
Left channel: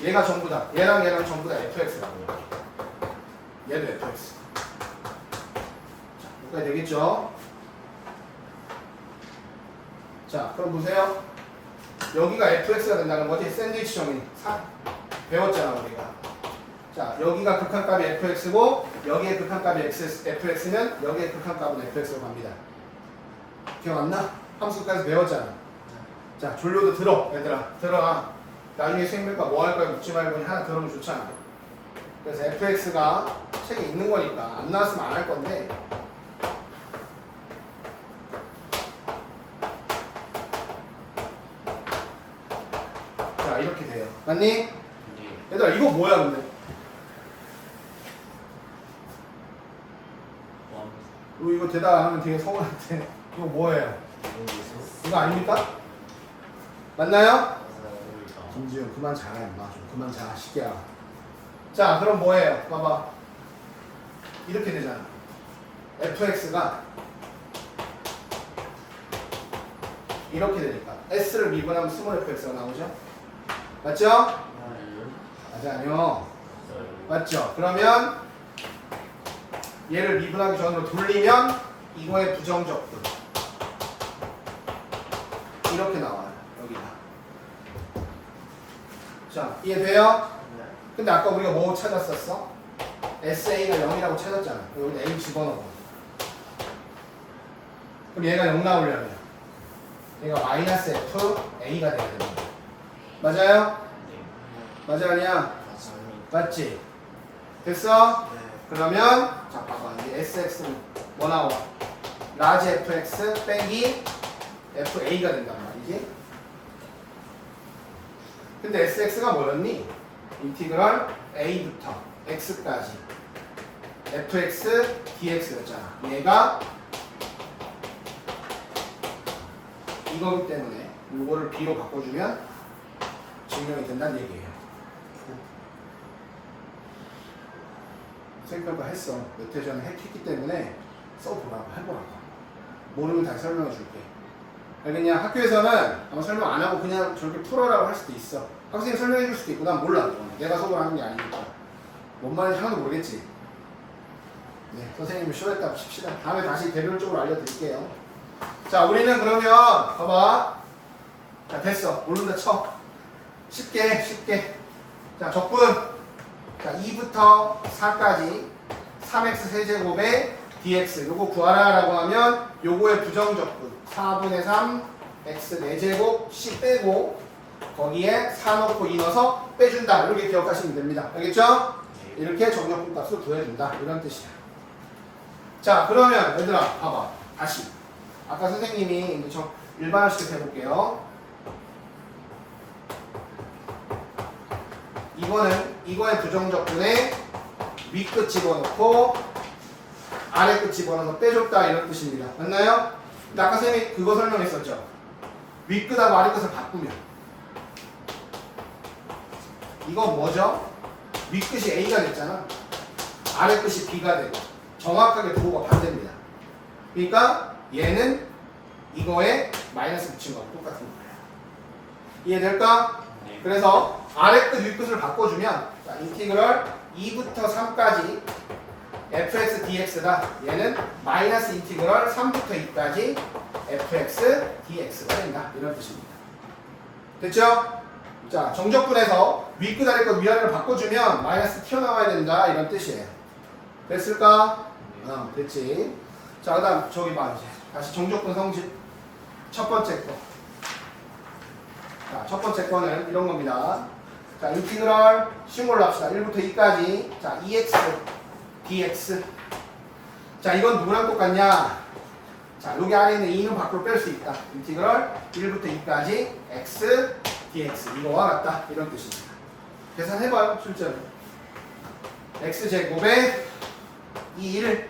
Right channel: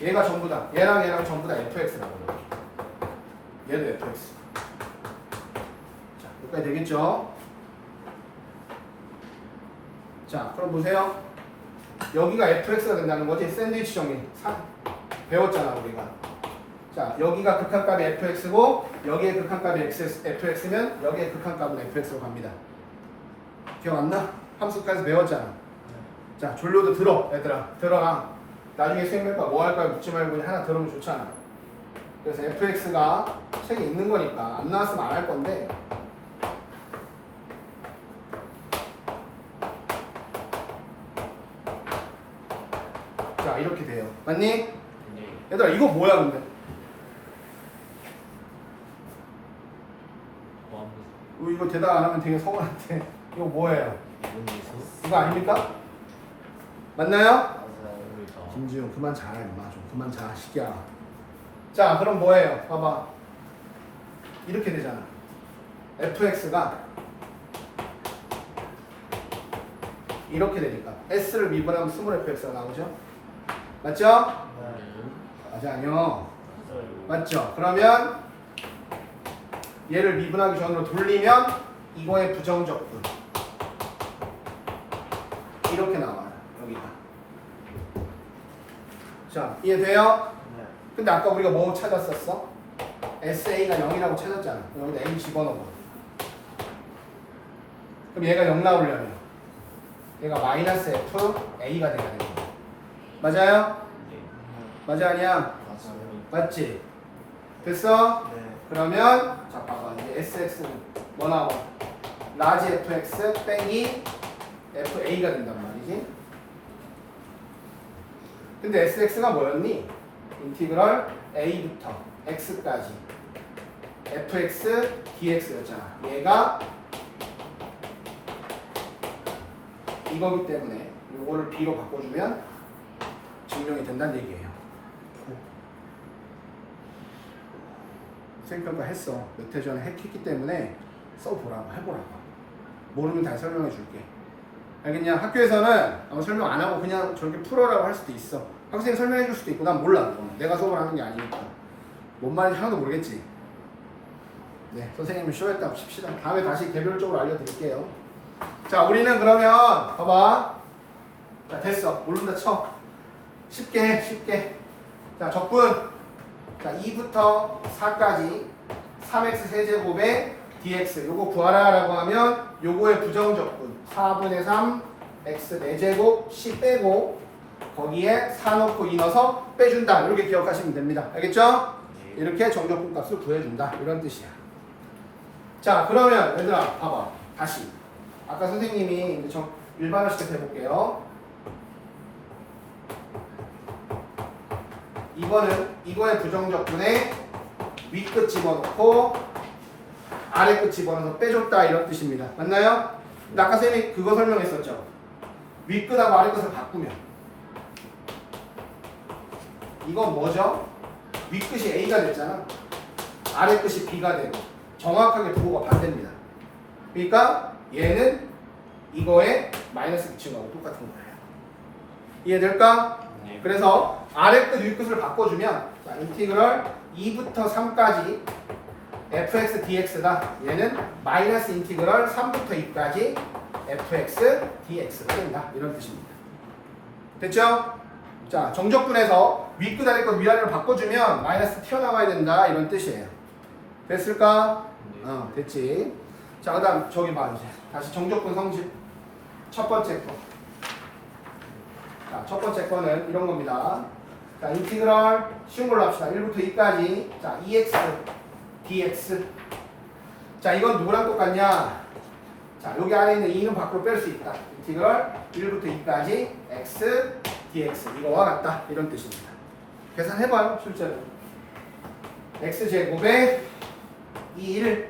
얘가 전부 다, 얘랑 전부 다 fx라고 해요. 얘도 fx. 자, 여기까지 되겠죠? 자, 그럼 보세요. 여기가 fx가 된다는 거지. 샌드위치 정의. 배웠잖아, 우리가. 자, 여기가 극한값이 fx고, 여기에 극한값이 fx면, 여기에 극한값은 fx로 갑니다. 기억 안 나? 함수까지 배웠잖아. 자, 졸로도 들어, 얘들아. 들어라. 나중에 수행평가 뭐 할 거야 묻지 말고 하나 들으면 좋잖아. 그래서 fx가 책에 있는 거니까 안 나왔으면 안 할 건데, 자, 이렇게 돼요. 맞니? 얘들아, 이거 뭐야, 근데? 이거 대답 안 하면 되게 서운한데. 이거 뭐예요? 이거 아닙니까? 맞나요? 김지훈, 그만 자, 임마. 좀 그만 자, 시기야. 자, 그럼 뭐예요? 봐봐. 이렇게 되잖아. fx가 이렇게 되니까 s를 미분하면 스몰 fx가 나오죠? 맞죠? 아니요. 맞죠? 그러면 얘를 미분하기 전으로 돌리면 이거의 부정적분 이렇게 나와요. 여기가. 자, 이해돼요? 근데 아까 우리가 뭐 찾았었어? SA가 0이라고 찾았잖아. 여기 M 집어넣어. 그럼 얘가 0 나오려면 얘가 마이너스 F A가 돼야 됩니다. 맞아요? 맞아 아니야? 맞지? 됐어? 그러면 자 봐봐. 이제 SX는 뭐 나와? 라지 FX 빼기 FA가 된단 말이지. 근데 SX가 뭐였니? 인티그럴 A부터 X까지 FX DX였잖아. 얘가 이거기 때문에 이거를 B로 바꿔주면 증명이 된다는 얘기예요. 생각을 했어. 몇 회 전에 했기 때문에 써보라고 해보라고. 모르면 다시 설명해 줄게. 알겠냐? 학교에서는 설명 안 하고 그냥 저렇게 풀어라고 할 수도 있어. 학생이 설명해 줄 수도 있고 난 몰라. 내가 수업을 하는 게 아니니까. 뭔 말인지 하나도 모르겠지. 네, 선생님이 쉬어했다 칩시다. 다음에 다시 개별적으로 알려드릴게요. 자, 우리는 그러면 봐봐. 자, 됐어. 모른다 쳐. 쉽게 해, 쉽게. 자, 적분. 자, 2부터 4까지 3x 세제곱에 dx 요거 구하라 라고 하면 요거의 부정적분 4분의 3 x 4제곱 c 빼고 거기에 4 넣고 2 넣어서 빼준다. 이렇게 기억하시면 됩니다. 알겠죠? 이렇게 정적분 값을 구해준다. 이런 뜻이야. 자, 그러면 얘들아 봐봐. 다시 아까 선생님이 이제 일반화시켜서 해볼게요. 이거는 이거의 부정적분에 윗끝 집어넣고 아래끝 집어넣어서 빼줬다 이런 뜻입니다. 맞나요? 근데 아까 쌤이 그거 설명했었죠. 윗끝하고 아래끝을 바꾸면 이건 뭐죠? 윗끝이 A가 됐잖아. 아래끝이 B가 되고 정확하게 부호가 반대입니다. 그러니까 얘는 이거에 마이너스 붙인 거하고 똑같은 거예요. 이해될까? 네. 그래서 아래끝 윗끝을 바꿔주면 자, 인티그럴 2부터 3까지 fx dx다. 얘는 마이너스 인티그럴 3부터 2까지 fx dx가 된다. 이런 뜻입니다. 됐죠? 자, 정적분에서 윗끝 아래끝 위아래를 바꿔주면 마이너스 튀어나와야 된다. 이런 뜻이에요. 됐을까? 됐지. 자, 그 다음 저기 봐 이제 다시 정적분 성질 첫 번째 거. 자, 첫 번째 거는 이런 겁니다. 자, 인티그럴 쉬운 걸로 합시다. 1부터 2까지. 자, 2x dx. 자, 이건 누구랑 똑같냐? 자, 여기 안에 있는 2는 밖으로 뺄 수 있다. 인티그럴 1부터 2까지 x dx. 이거와 같다. 이런 뜻입니다. 계산해봐요, 실제로. x 제곱에 2를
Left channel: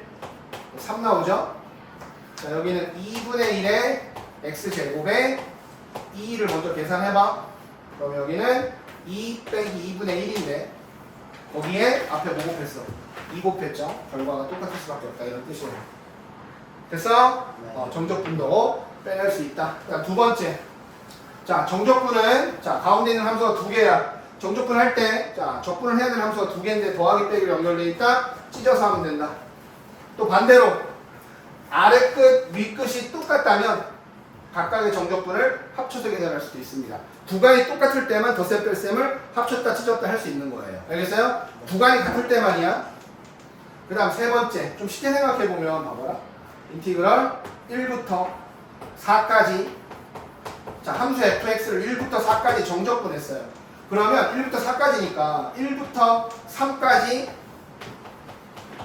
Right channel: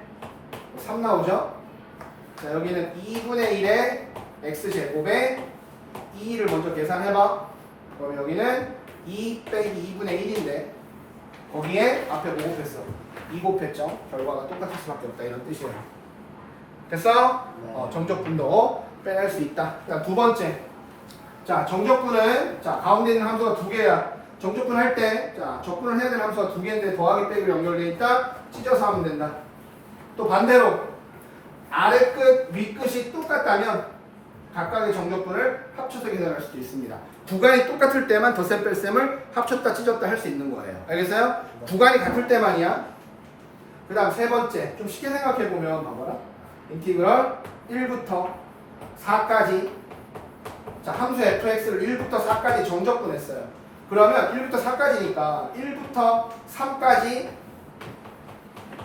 3 나오죠? 자, 여기는 2분의 1에 x 제곱에 2를 먼저 계산해봐. 그럼 여기는 2 빼기 2분의 1인데 거기에 앞에 뭐 곱했어? 2 곱했죠? 결과가 똑같을 수밖에 없다. 이런 뜻이에요. 됐어? 정적분도 빼낼 수 있다. 그다음 두 번째. 자, 정적분은 자 가운데 있는 함수가 두 개야. 정적분 할 때 자 적분을 해야 되는 함수가 두 개인데 더하기 빼기로 연결되어 있다. 찢어서 하면 된다. 또 반대로 아래 끝, 위 끝이 똑같다면 각각의 정적분을 합쳐서 계산할 수도 있습니다. 구간이 똑같을 때만 덧셈 뺄셈을 합쳤다 찢었다 할 수 있는 거예요. 알겠어요? 구간이 같을 때만이야. 그 다음 세 번째 좀 쉽게 생각해보면 봐봐라. 인티그럴 1부터 4까지 자 함수 fx를 1부터 4까지 정적분 했어요. 그러면 1부터 4까지니까 1부터 3까지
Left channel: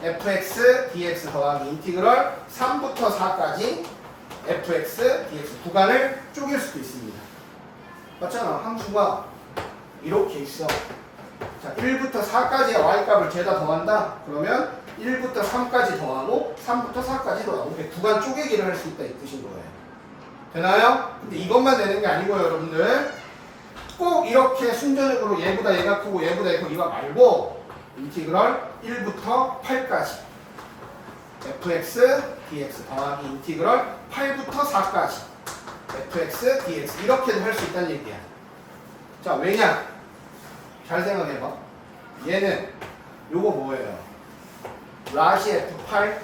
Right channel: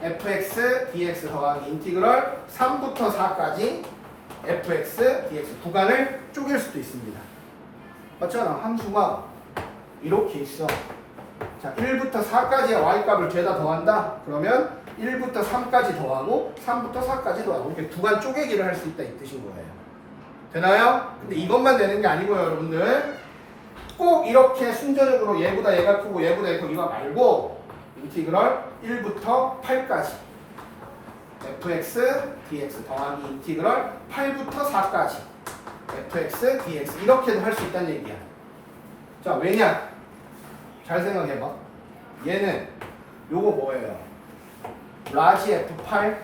fx dx 더하기 인티그럴 3부터 4까지 fx dx 구간을 쪼갤 수도 있습니다. 맞잖아. 함수가 이렇게 있어. 자, 1부터 4까지의 y값을 죄다 더한다. 그러면 1부터 3까지 더하고 3부터 4까지 더하고 이렇게 구간 쪼개기를 할 수 있다 이 뜻인 거예요. 되나요? 근데 이것만 되는 게 아니고요, 여러분들. 꼭 이렇게 순서적으로 얘보다 얘가 크고 얘보다 얘가 크고 이거 말고 인티그럴 1부터 8까지 fx dx 더하기 인티그럴 8부터 4까지 fx dx 이렇게도 할 수 있다는 얘기야. 자, 왜냐? 잘 생각해봐. 얘는 요거 뭐예요? 라지 F8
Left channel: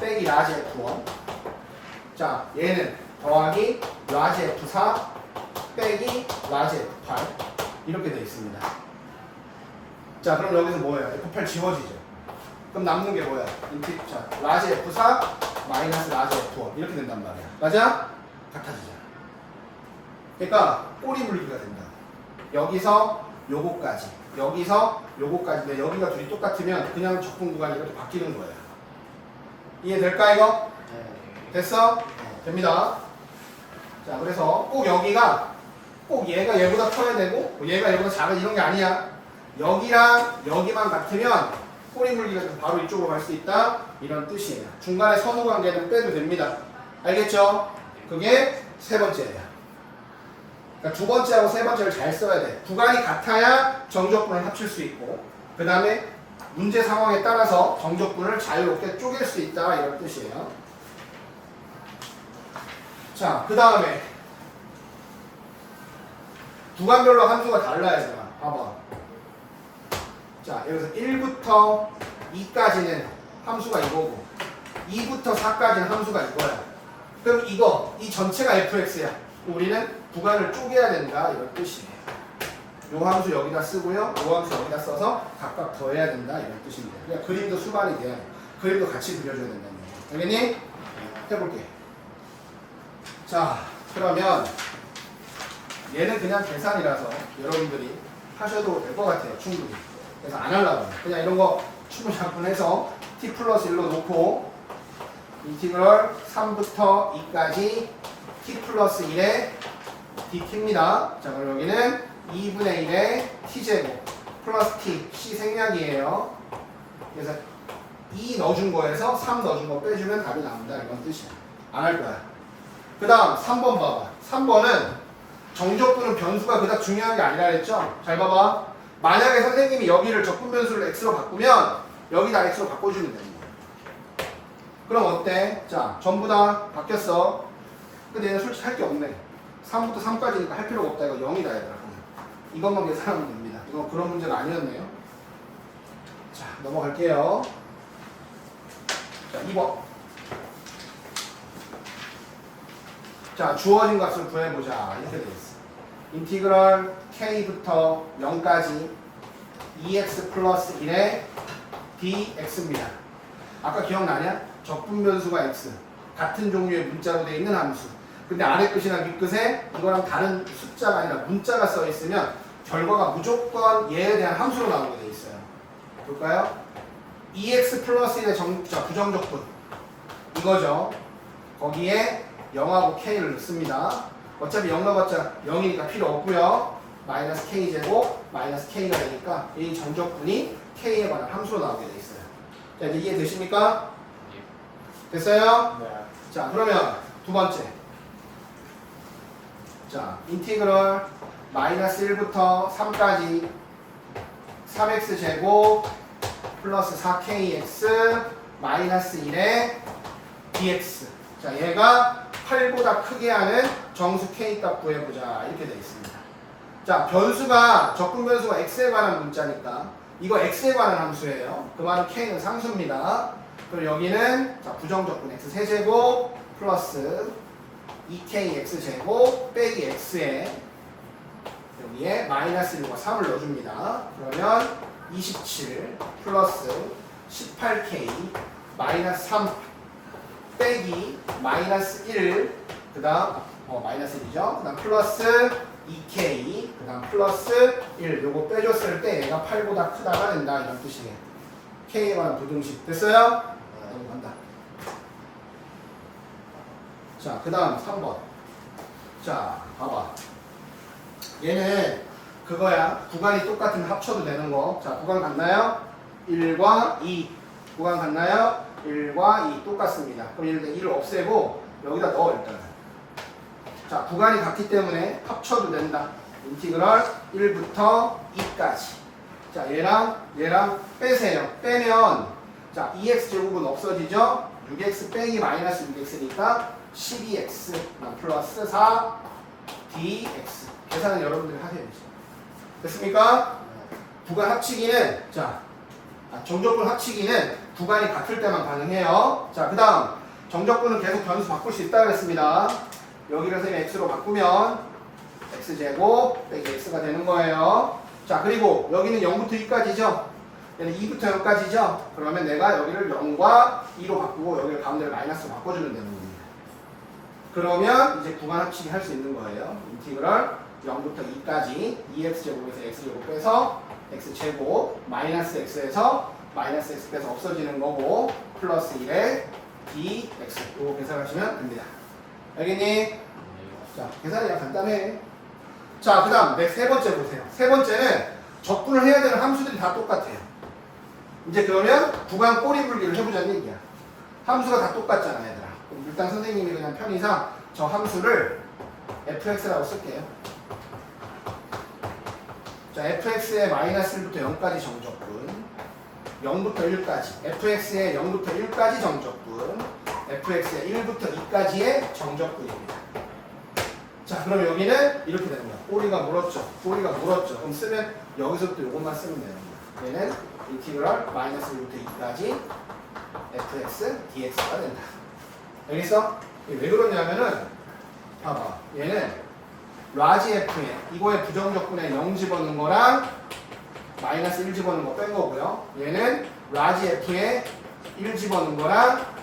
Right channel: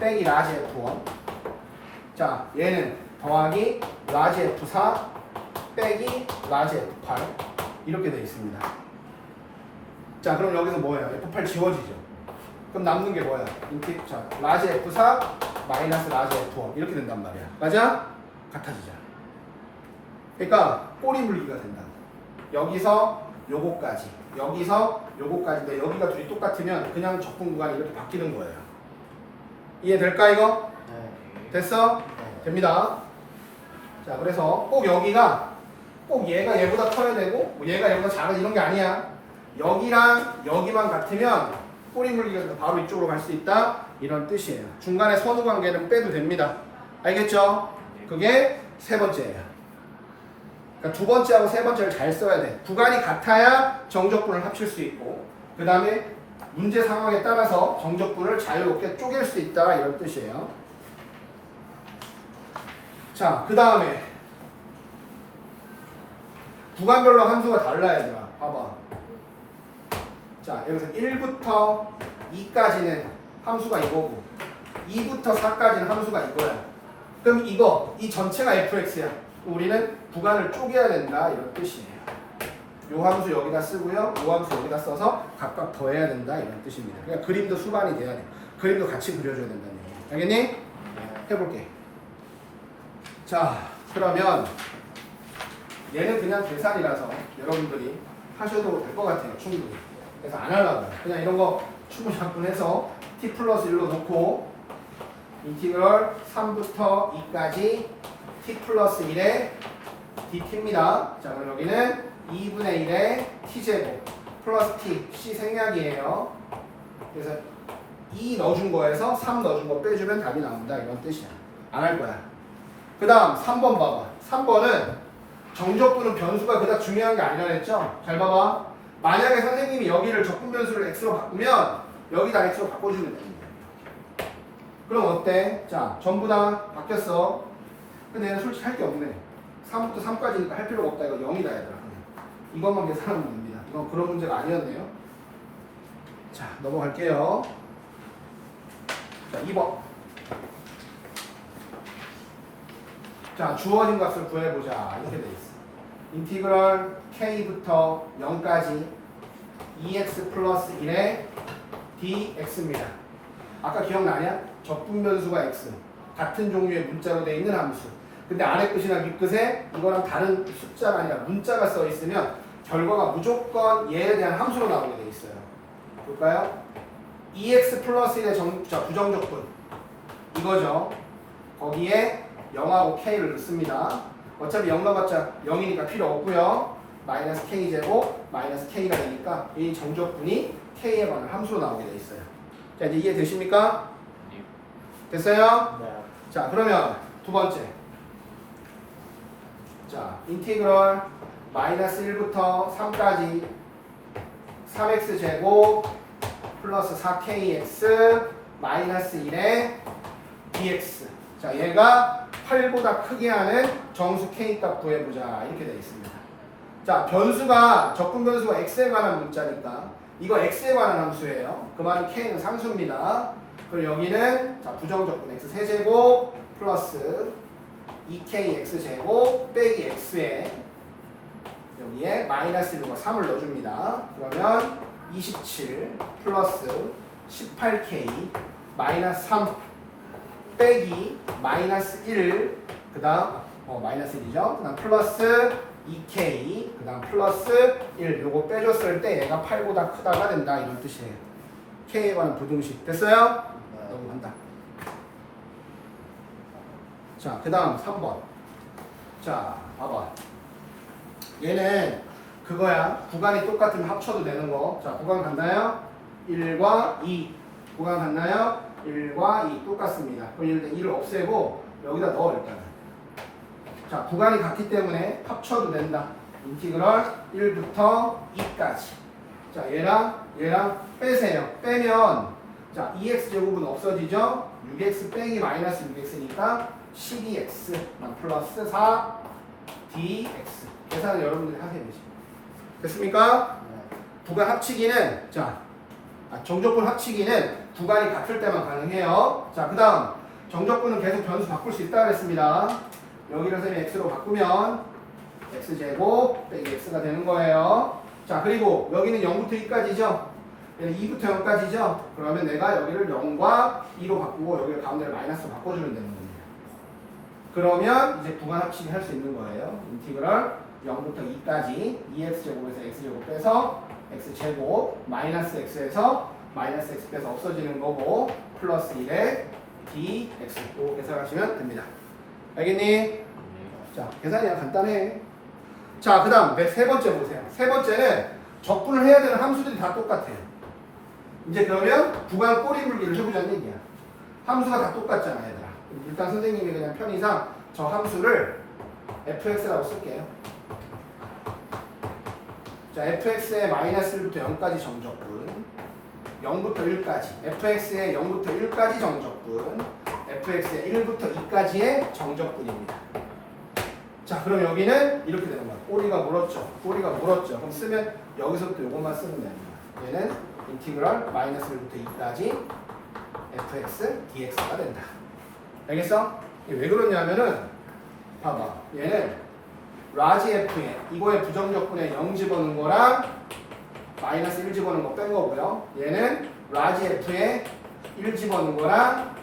빼기 라지 F1. 자, 얘는 더하기 라지 F4 빼기 라지 F8 이렇게 되어 있습니다. 자, 그럼 여기서 뭐예요? F8 지워지죠. 그럼 남는 게 뭐야? 자, 라지 F4 마이너스 라지 F1 이렇게 된단 말이야. 맞아? 같아지잖아. 그러니까 꼬리 물기가 된다. 여기서 요거까지, 여기서 요거까지. 여기가 둘이 똑같으면 그냥 적분 구간이 이렇게 바뀌는 거예요. 이해될까 이거? 됐어? 됩니다. 자, 그래서 꼭 여기가 꼭 얘가 얘보다 커야 되고 뭐 얘가 얘보다 작아 이런 게 아니야. 여기랑 여기만 같으면 꼬리 물기가 바로 이쪽으로 갈 수 있다 이런 뜻이에요. 중간에 선후 관계는 빼도 됩니다. 알겠죠? 그게 세 번째예요. 그러니까 두 번째하고 세 번째를 잘 써야 돼. 구간이 같아야 정적분을 합칠 수 있고 그 다음에 문제 상황에 따라서 정적분을 자유롭게 쪼갤 수 있다 이런 뜻이에요. 자, 그 다음에 구간별로 함수가 달라야 되나? 봐봐. 자, 여기서 1부터 2까지는 함수가 이거고 2부터 4까지는 함수가 이거야. 그럼 이 전체가 fx야. 우리는 구간을 쪼개야 된다 이런 뜻이에요. 요 함수 여기다 쓰고요. 요 함수 여기다 써서 각각 더해야 된다 이런 뜻입니다. 그러니까 그림도 수반이 돼야 돼. 그림도 같이 그려줘야 된다는 거예요. 알겠니? 해볼게. 자, 그러면 얘는 그냥 계산이라서 여러분들이 하셔도 될 것 같아요. 충분히. 그래서 안 하려고 해요. 그냥 이런 거 충분히 작분해서 t 플러스 1로 놓고 인티그럴 3부터 2까지 t 플러스 1의 dt입니다. 자, 그럼 여기는 2분의 1의 t제곱 플러스 t, c 생략이에요. 그래서 2 넣어준 거에서 3 넣어준 거 빼주면 답이 나온다 이런 뜻이야. 안 할 거야. 그 다음 3번 봐봐. 3번은 정적분은 변수가 그닥 중요한 게 아니라 했죠? 잘 봐봐. 만약에 선생님이 여기를 적분 변수를 x로 바꾸면 여기다 x로 바꿔주면 됩니다. 그럼 어때? 자, 전부 다 바뀌었어. 근데 얘는 솔직히 할 게 없네. 3부터 3까지니까 할 필요가 없다. 이거 0이다 얘들아. 이것만 계산하면 됩니다. 이건 그런 문제가 아니었네요. 자, 넘어갈게요. 자, 2번. 자, 주어진 값을 구해보자. 이렇게 돼 있어. 인티그럴 k부터 0까지 2x 플러스 1의 dx입니다. 아까 기억나냐? 적분 변수가 x. 같은 종류의 문자로 되어 있는 함수. 근데 아래 끝이나 밑 끝에 이거랑 다른 숫자가 아니라 문자가 써 있으면 결과가 무조건 얘에 대한 함수로 나오게 돼 있어요. 볼까요? 2x 플러스 1의 부정적분. 이거죠. 거기에 0하고 k를 넣습니다. 어차피 0 넣어봤자 0이니까 필요 없고요. 마이너스 k제곱 마이너스 k가 되니까 이 정적분이 k에 관한 함수로 나오게 돼 있어요. 자, 이제 이해되십니까? 됐어요? 네. 자, 그러면 두 번째. 자, 인티그럴 마이너스 1부터 3까지 3x 제곱 플러스 4kx 마이너스 1의 dx. 자, 얘가 8보다 크게 하는 정수 k 값 구해보자. 이렇게 되어 있습니다. 자, 변수가 적분 변수가 x에 관한 문자니까 이거 x에 관한 함수예요. 그 말은 k는 상수입니다. 그리고 여기는 자, 부정적분 x 세제곱 플러스 2kx 제곱 빼기 x에 여기에 마이너스 1과 3을 넣어줍니다. 그러면 27 플러스 18k 마이너스 3 빼기 마이너스 1 그 다음 마이너스 1이죠. 그 다음 플러스 2k 그 다음 플러스 1 요거 빼줬을 때 얘가 8보다 크다가 된다 이런 뜻이에요. k에 관한 부등식 됐어요? 넘어간다. 자, 그 다음 3번. 자, 봐봐. 얘는 그거야. 구간이 똑같으면 합쳐도 되는 거. 자, 구간 같나요? 1과 2. 구간 같나요? 1과 2 똑같습니다. 그럼 일단 2를 없애고 여기다 넣어 일단. 자, 구간이 같기 때문에 합쳐도 된다. 인티그럴 1부터 2까지. 자, 얘랑 빼세요. 빼면 자, 2x 제곱은 없어지죠? 6x 빼기 마이너스 6x니까 12x 플러스 4 dx. 계산은 여러분들이 하셔야 되죠. 됐습니까? 구간 합치기는 자, 정적분 합치기는 구간이 같을 때만 가능해요. 자, 그 다음 정적분은 계속 변수 바꿀 수 있다 그랬습니다. 여기를 선생님 x로 바꾸면 x제곱 빼기 x가 되는 거예요. 자, 그리고 여기는 0부터 2까지죠. 얘는 2부터 0까지죠. 그러면 내가 여기를 0과 2로 바꾸고 여기를 가운데를 마이너스로 바꿔주면 되는 겁니다. 그러면 이제 구간 합치기 할 수 있는 거예요. 인티그럴 0부터 2까지 2x제곱에서 x제곱 빼서 x제곱 마이너스 x에서 마이너스 x 빼서 없어지는 거고 플러스 1에 dx 이거 계산하시면 됩니다. 알겠니? 자, 계산이 간단해. 자, 그 다음 세 번째 보세요. 세 번째는 적분을 해야 되는 함수들이 다 똑같아요. 이제 그러면 구간 꼬리물기를 해보자는 얘기야. 함수가 다 똑같잖아 얘들아. 그럼 일단 선생님이 그냥 편의상 저 함수를 fx라고 쓸게요. 자, fx의 마이너스 1부터 0까지 정적분 0부터 1까지 fx의 0부터 1까지 정적분 fx의 1부터 2까지의 정적분입니다. 자, 그럼 여기는 이렇게 되는 거야. 꼬리가 물었죠. 꼬리가 물었죠. 그럼 쓰면 여기서부터 이것만 쓰면 되는 거야. 얘는 인티그럴 마이너스 1부터 2까지 fx dx가 된다. 알겠어? 왜 그러냐면은 봐봐. 얘는 라지 f에 이거의 부정적분에 0 집어넣은 거랑 마이너스 1 집어넣은 거 뺀 거고요. 얘는 라지 f에 1 집어넣은 거랑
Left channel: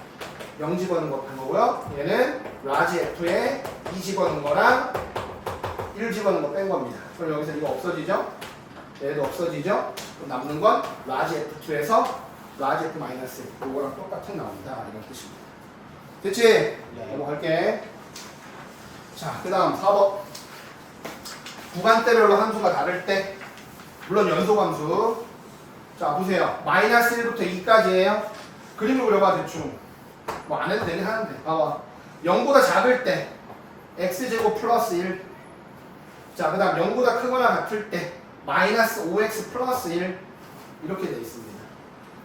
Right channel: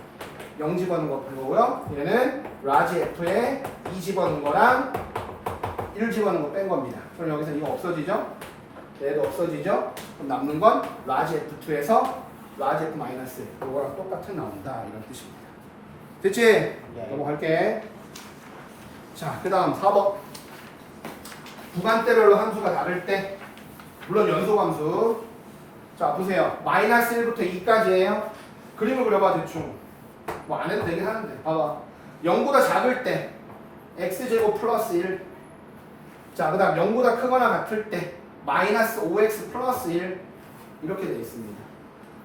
0 집어넣은 거 뺀 거고요. 얘는 라지 f에 2 집어넣은 거랑 1 집어넣은 거 뺀 겁니다. 그럼 여기서 이거 없어지죠? 얘도 없어지죠? 그럼 남는 건 라지 f2에서 라지 f 마이너스 이거랑 똑같은 나온다 이런 뜻입니다. 됐지? 예. 넘어갈게. 자, 그 다음 4번. 구간대별로 함수가 다를 때 물론 연소함수. 자, 보세요. 마이너스 1부터 2까지예요. 그림을 그려봐 대충. 뭐 안 해도 되긴 하는데 봐봐. 0보다 작을 때 x제곱 플러스 1. 자, 그 다음 0보다 크거나 같을 때 마이너스 5x 플러스 1 이렇게 돼 있습니다.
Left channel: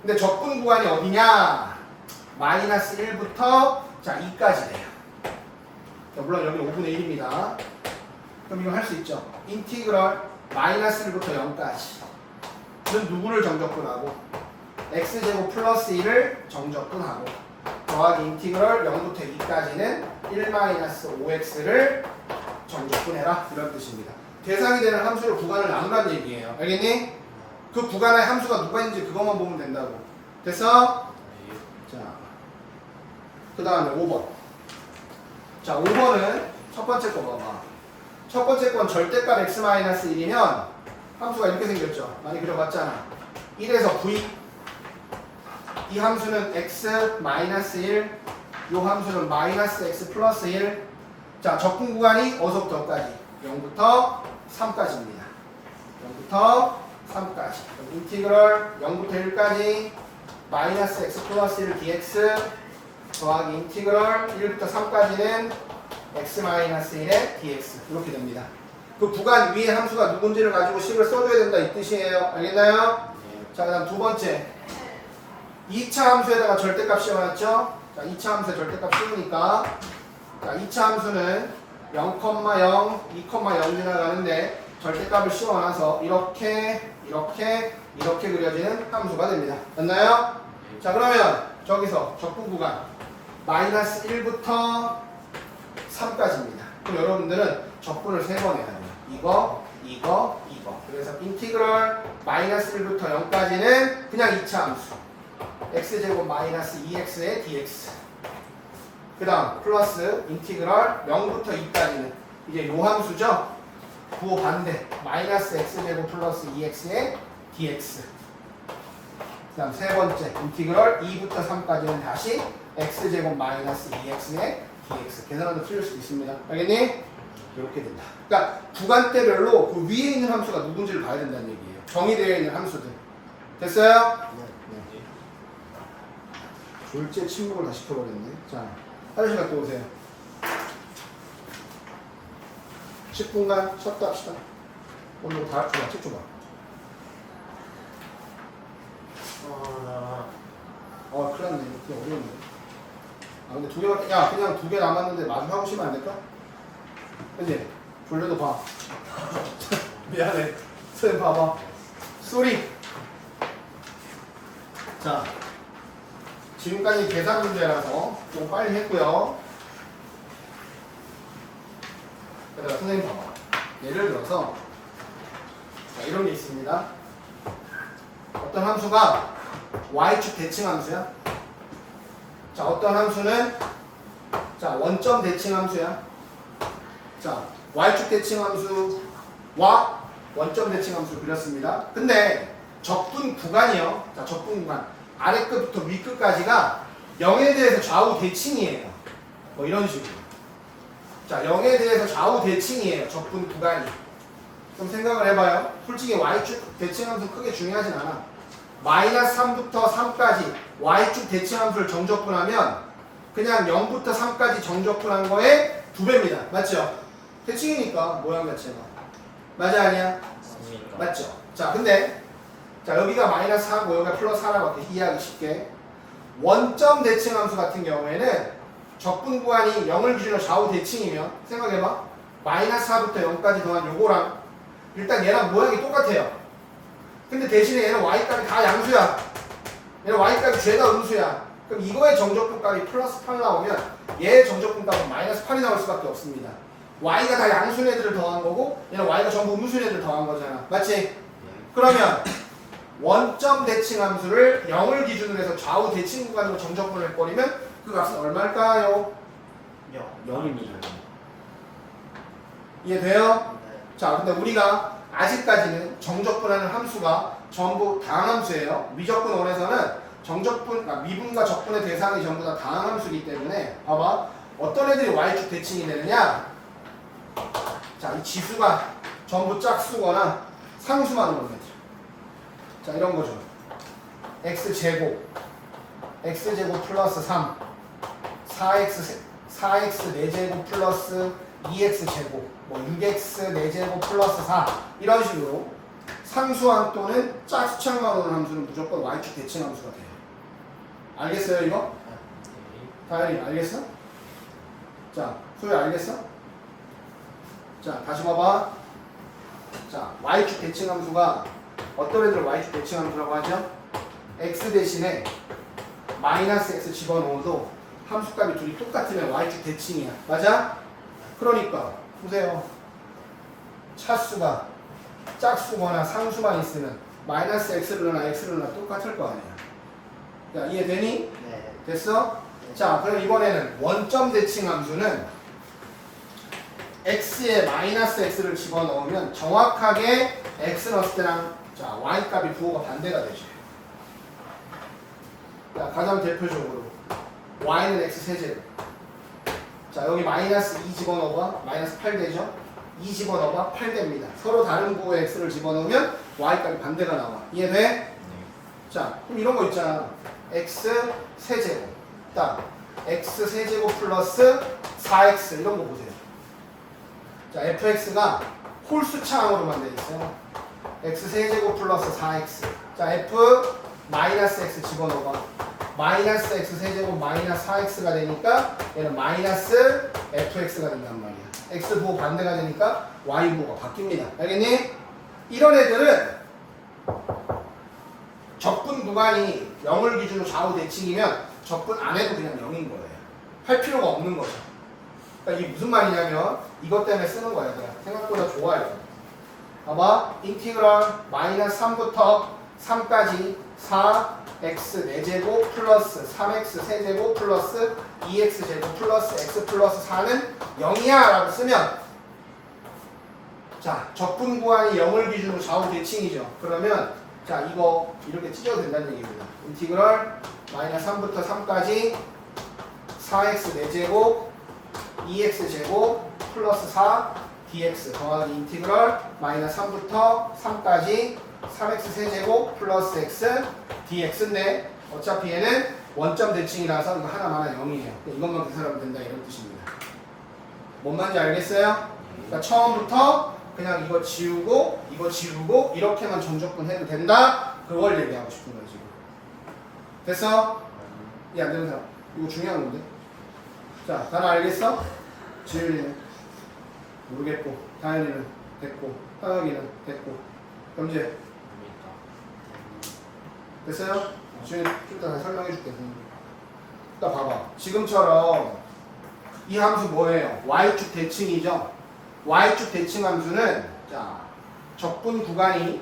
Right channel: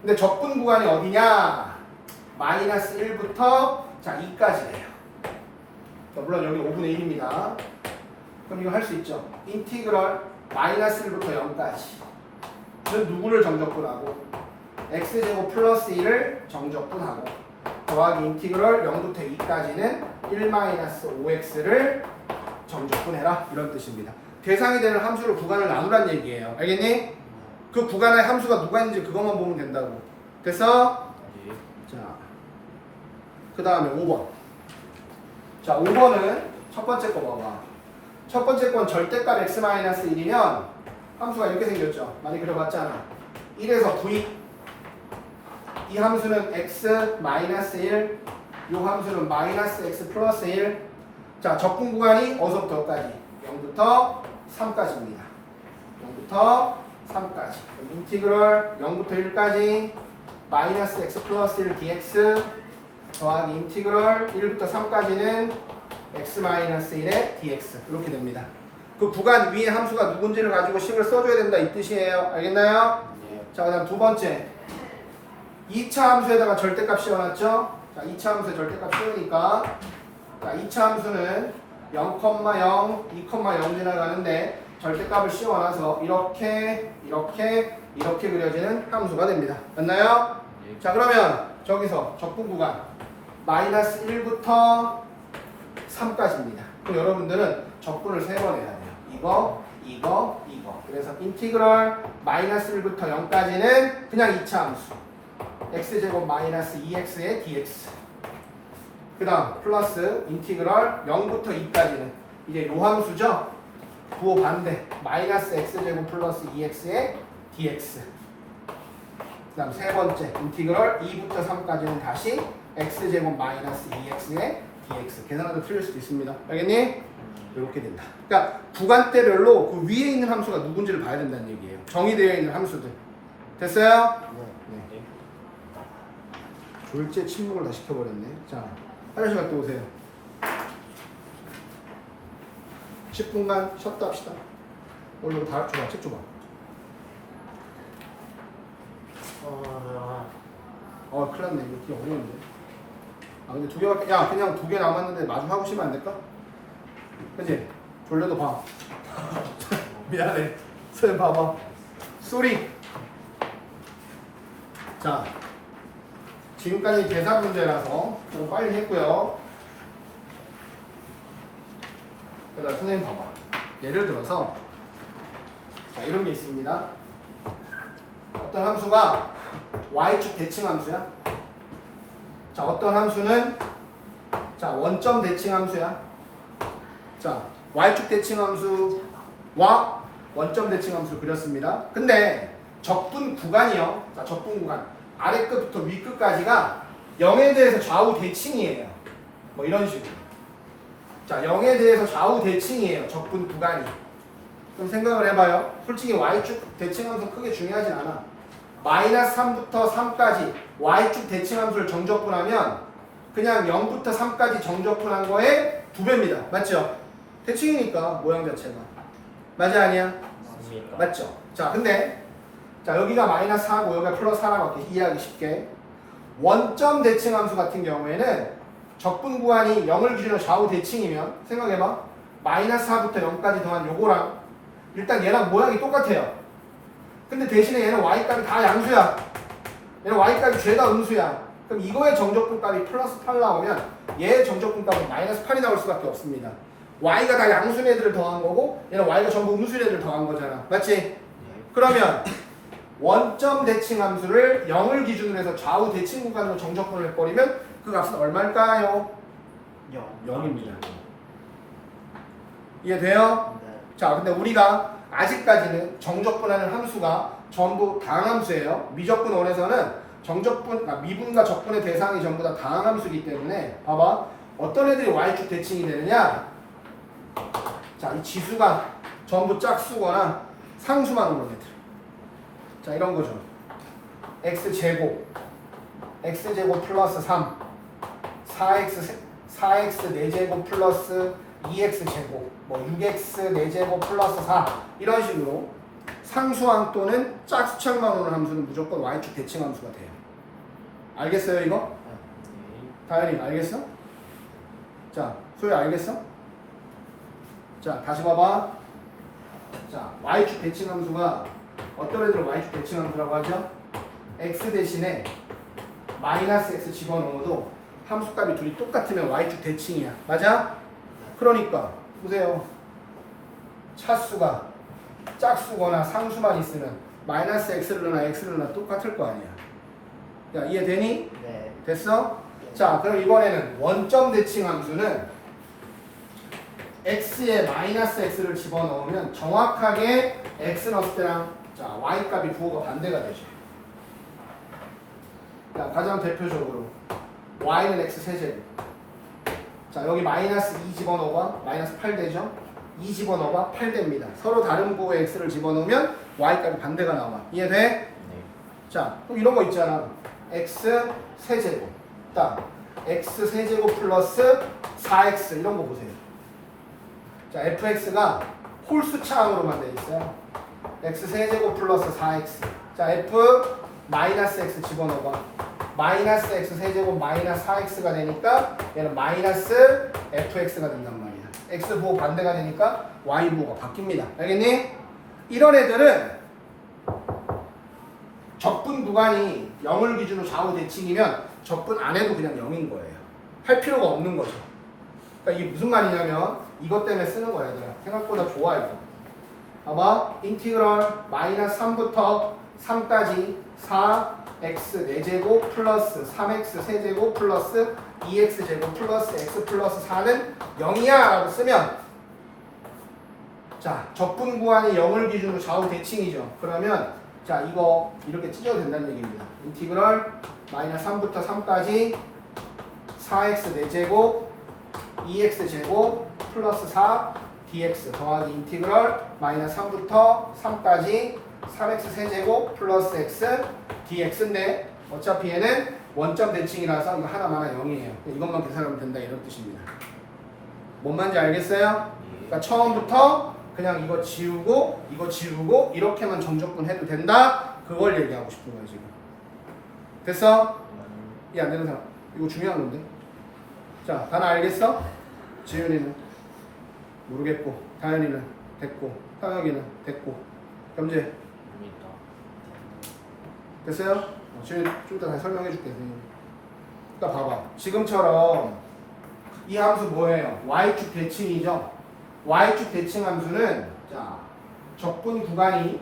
근데 적분 구간이 어디냐? 마이너스 1부터 자 2까지예요. 자, 물론 여기 5분의 1입니다. 그럼 이거 할 수 있죠. 인티그럴 마이너스 1부터 0까지. 는 누구를 정적분하고 x제곱 플러스 1을 정적분하고 더하기 인티그럴 0부터 2까지는 1 마이너스 5x를 정적분해라 이런 뜻입니다. 대상이 되는 함수로 구간을 나누란 얘기예요. 알겠니? 그 구간의 함수가 누가 있는지 그것만 보면 된다고. 그래서 자, 그 다음에 5번. 자, 5번은 첫 번째 거 봐봐. 첫 번째 건 절대값 x-1이면 함수가 이렇게 생겼죠. 많이 그려봤잖아. 1에서 v. 이 함수는 x-1, 이 함수는 마이너스 x 플러스 1. 자, 적분 구간이 어디서부터 어디까지? 0부터 3까지입니다. 0부터 3까지. 그럼 인티그럴 0부터 1까지 마이너스 x 플러스 1 dx 더하기 인티그럴 1부터 3까지는 x 마이너스 1의 dx 이렇게 됩니다. 그 구간 위의 함수가 누군지를 가지고 식을 써줘야 된다 이 뜻이에요. 알겠나요? 자, 그 다음 두 번째 2차 함수에다가 절대값 씌워놨죠? 자, 2차 함수에 절대값 씌우니까 자, 2차 함수는 0,0, 2,0 지나가는데 절대값을 씌워놔서 이렇게 그려지는 함수가 됩니다. 됐나요? 자, 그러면 저기서 적분 구간 마이너스 1부터 3까지입니다. 그럼 여러분들은 적분을 3번 해야 돼요. 이거. 그래서 인티그럴 마이너스 1부터 0까지는 그냥 2차 함수. x제곱 마이너스 2x의 dx. 그 다음 플러스 인티그럴 0부터 2까지는 이제 요 함수죠. 부호 반대 마이너스 x제곱 플러스 2x의 dx. 그 다음 세 번째 인티그럴 2부터 3까지는 다시 x제곱 마이너스 2x의 dx. 계산하도 틀릴 수도 있습니다. 알겠니? 이렇게 된다. 그러니까 구간대별로 그 위에 있는 함수가 누군지를 봐야 된다는 얘기예요. 정의되어 있는 함수들. 됐어요? 네. 졸제 침묵을 다 시켜버렸네. 자, 화장실 갔다 오세요. 10분간 쉬었다 합시다. 오늘 다 줘봐. 책 줘봐. 큰일 났네. 이거 되게 어려운데. 아, 근데 두 개, 야, 그냥 2개 남았는데 마주 하고 쉬면 안 될까? 그치? 졸려도 봐. 미안해. 쌤 봐봐. 쏘리. 자, 지금까지 계산 문제라서 좀 빨리 했고요. 그 다음 선생님 봐봐. 예를 들어서 자, 이런 게 있습니다. 어떤 함수가 y축 대칭 함수야. 자, 어떤 함수는 자, 원점 대칭 함수야. 자, y축 대칭 함수와 원점 대칭 함수 그렸습니다. 근데 적분 구간이요. 자, 적분 구간 아래 끝부터 위 끝까지가 0에 대해서 좌우 대칭이에요. 뭐 이런 식으로. 자, 0에 대해서 좌우 대칭이에요. 적분 구간이. 좀 생각을 해봐요. 솔직히 y축 대칭 함수 크게 중요하진 않아. 마이너스 3부터 3까지 y축 대칭 함수를 정적분하면 그냥 0부터 3까지 정적분한 거에 2배입니다. 맞죠? 대칭이니까 모양 자체가. 맞아 아니야? 맞죠? 자, 근데 자, 여기가 마이너스 4고 여기가 플러스 4라고 이렇게 이해하기 쉽게 원점 대칭 함수 같은 경우에는 적분 구간이 0을 기준으로 좌우 대칭이면 생각해봐. 마이너스 4부터 0까지 더한 요거랑 일단 얘랑 모양이 똑같아요. 근데 대신에 얘는 y값이 다 양수야. 얘는 y값이 죄다 음수야. 그럼 이거의 정적분값이 플러스 8 나오면 얘의 정적분값이 마이너스 8이 나올 수밖에 없습니다. y가 다 양수인 애들을 더한 거고 얘는 y가 전부 음수인 애들을 더한 거잖아. 맞지? 그러면 원점 대칭 함수를 0을 기준으로 해서 좌우 대칭 구간으로 정적분을 해버리면 그 값은 얼마일까요? 0입니다. 이해돼요? 자, 근데 우리가 아직까지는 정적분하는 함수가 전부 다항함수예요. 미적분 원에서는 미분과 적분의 대상이 전부 다 다항함수이기 때문에 봐봐. 어떤 애들이 y축 대칭이 되느냐? 자, 이 지수가 전부 짝수거나 상수만 오는 애들. 자, 이런 거죠. x제곱 플러스 3 4x 4제곱 플러스 2x제곱 뭐 6x 4제곱 플러스 4 이런 식으로 상수항 또는 짝수창만 오는 함수는 무조건 y축 대칭 함수가 돼요. 알겠어요 이거? 다현이 알겠어? 자, 소희 알겠어? 자, 다시 봐봐. 자, y축 대칭 함수가 어떤 애들을 y축 대칭 함수라고 하죠? x 대신에 마이너스 x 집어넣어도 함수값이 둘이 똑같으면 y축 대칭이야. 맞아? 그러니까 보세요. 차수가 짝수거나 상수만 있으면 마이너스 x를 넣나 x를 넣나 똑같을 거 아니야. 야, 이해되니? 네. 됐어? 자, 그럼 이번에는 원점 대칭 함수는 x에 마이너스 x를 집어넣으면 정확하게 x 넣었을 때랑 자, y 값이 부호가 반대가 되죠. 자, 가장 대표적으로 y는 x 세제곱. 자, 여기 마이너스 2 집어넣어봐. 마이너스 8 되죠? 2 집어넣어봐. 8 됩니다. 서로 다른 부호의 x를 집어넣으면 y 값이 반대가 나와. 이해돼? 네. 자, 그럼 이런 거 있잖아. x 세제곱. 딱 x 세제곱 플러스 4x 이런 거 보세요. 자, fx가 홀수차항으로만 되어 있어요. x 세제곱 플러스 4x. 자, f 마이너스 x 집어넣어봐. 마이너스 x 세제곱 마이너스 4x가 되니까 얘는 마이너스 fx가 된단 말이야. x 부호 반대가 되니까 y 부호가 바뀝니다. 알겠니? 이런 애들은 적분 구간이 0을 기준으로 좌우 대칭이면 적분 안 해도 그냥 0인 거예요. 할 필요가 없는 거죠. 그러니까 이게 무슨 말이냐면 이것 때문에 쓰는 거야. 그냥. 생각보다 좋아 이거. 봐봐. 인티그럴 마이너스 3부터 3까지 4x 4제곱 플러스 3x 세제곱 플러스 2x 제곱 플러스 x 플러스 4는 0이야 라고 쓰면 자, 적분 구간이 0을 기준으로 좌우 대칭이죠. 그러면 자, 이거 이렇게 찢어도 된다는 얘기입니다. 인티그럴 마이너스 3부터 3까지 4x 4제곱 2x 제곱 플러스 4 dx 더하기 인티그럴 마이너스 3부터 3까지 3x 세제곱 플러스 x dx인데 어차피 얘는 원점 대칭이라서 이거 하나만 0이에요. 이것만 계산하면 된다 이런 뜻입니다. 뭔 말인지 알겠어요? 그러니까 처음부터 그냥 이거 지우고 이렇게만 정적분 해도 된다. 그걸 얘기하고 싶은 거야 지금. 됐어? 야, 안 되는 사람. 이거 중요한 건데. 자, 다나 알겠어? 지윤이는 모르겠고, 다현이는 됐고, 상학이는 됐고, 현재 됐어요? 지금 좀 이따 다시 설명해 줄게. 그러니까 봐봐. 지금처럼 이 함수 뭐예요? y축 대칭이죠? y축 대칭 함수는 자, 적분 구간이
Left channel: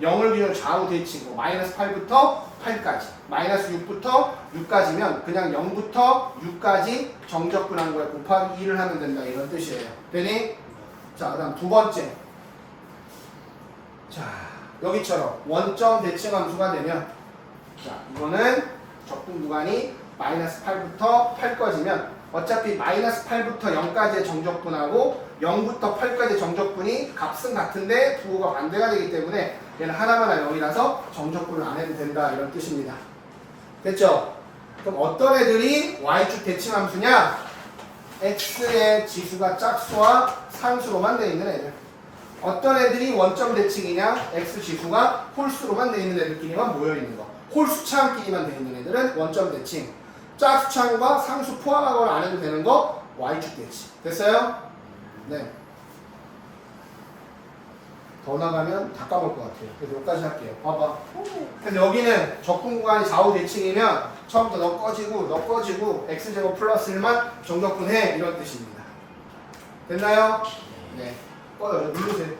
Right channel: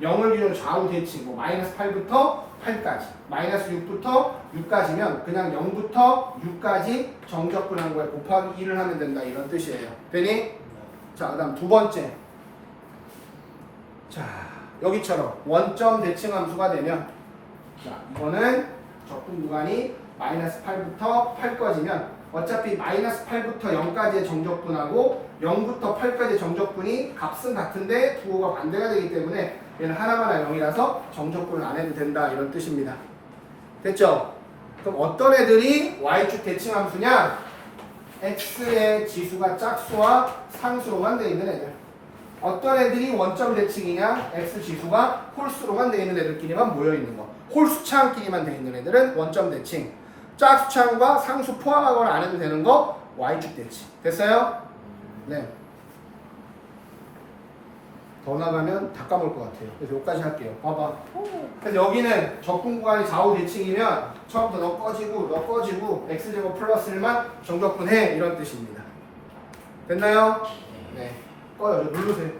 0을 기준으로 좌우 대칭, 뭐 마이너스 8부터 8까지, 마이너스 6부터 6까지면 그냥 0부터 6까지 정적분한 거에 곱하기 1을 하면 된다 이런 뜻이에요. 되니? 자, 그 다음 두 번째. 자, 여기처럼 원점 대칭 함수가 되면 자, 이거는 적분 구간이 마이너스 8부터 8까지면 어차피 마이너스 8부터 0까지의 정적분하고 0부터 8까지의 정적분이 값은 같은데 부호가 반대가 되기 때문에 얘는 하나만 0이라서 정적분을 안 해도 된다 이런 뜻입니다. 됐죠? 그럼 어떤 애들이 y축 대칭 함수냐? x의 지수가 짝수와 상수로만 되어 있는 애들. 어떤 애들이 원점 대칭이냐? x 지수가 홀수로만 되어 있는 애들끼리만 모여 있는 거. 홀수차항끼리만 되어 있는 애들은 원점 대칭. 짝수차항과 상수 포함을 안 해도 되는 거 y축 대칭. 됐어요? 네. 더 나가면 다 까먹을 것 같아요. 그래서 여기까지 할게요. 봐봐. 그래서 여기는 적분 구간이 좌우 대칭이면 처음부터 너 꺼지고 x제곱 플러스 1만 정적분해 이런 뜻입니다. 됐나요? 네. 꺼요. 누르세요.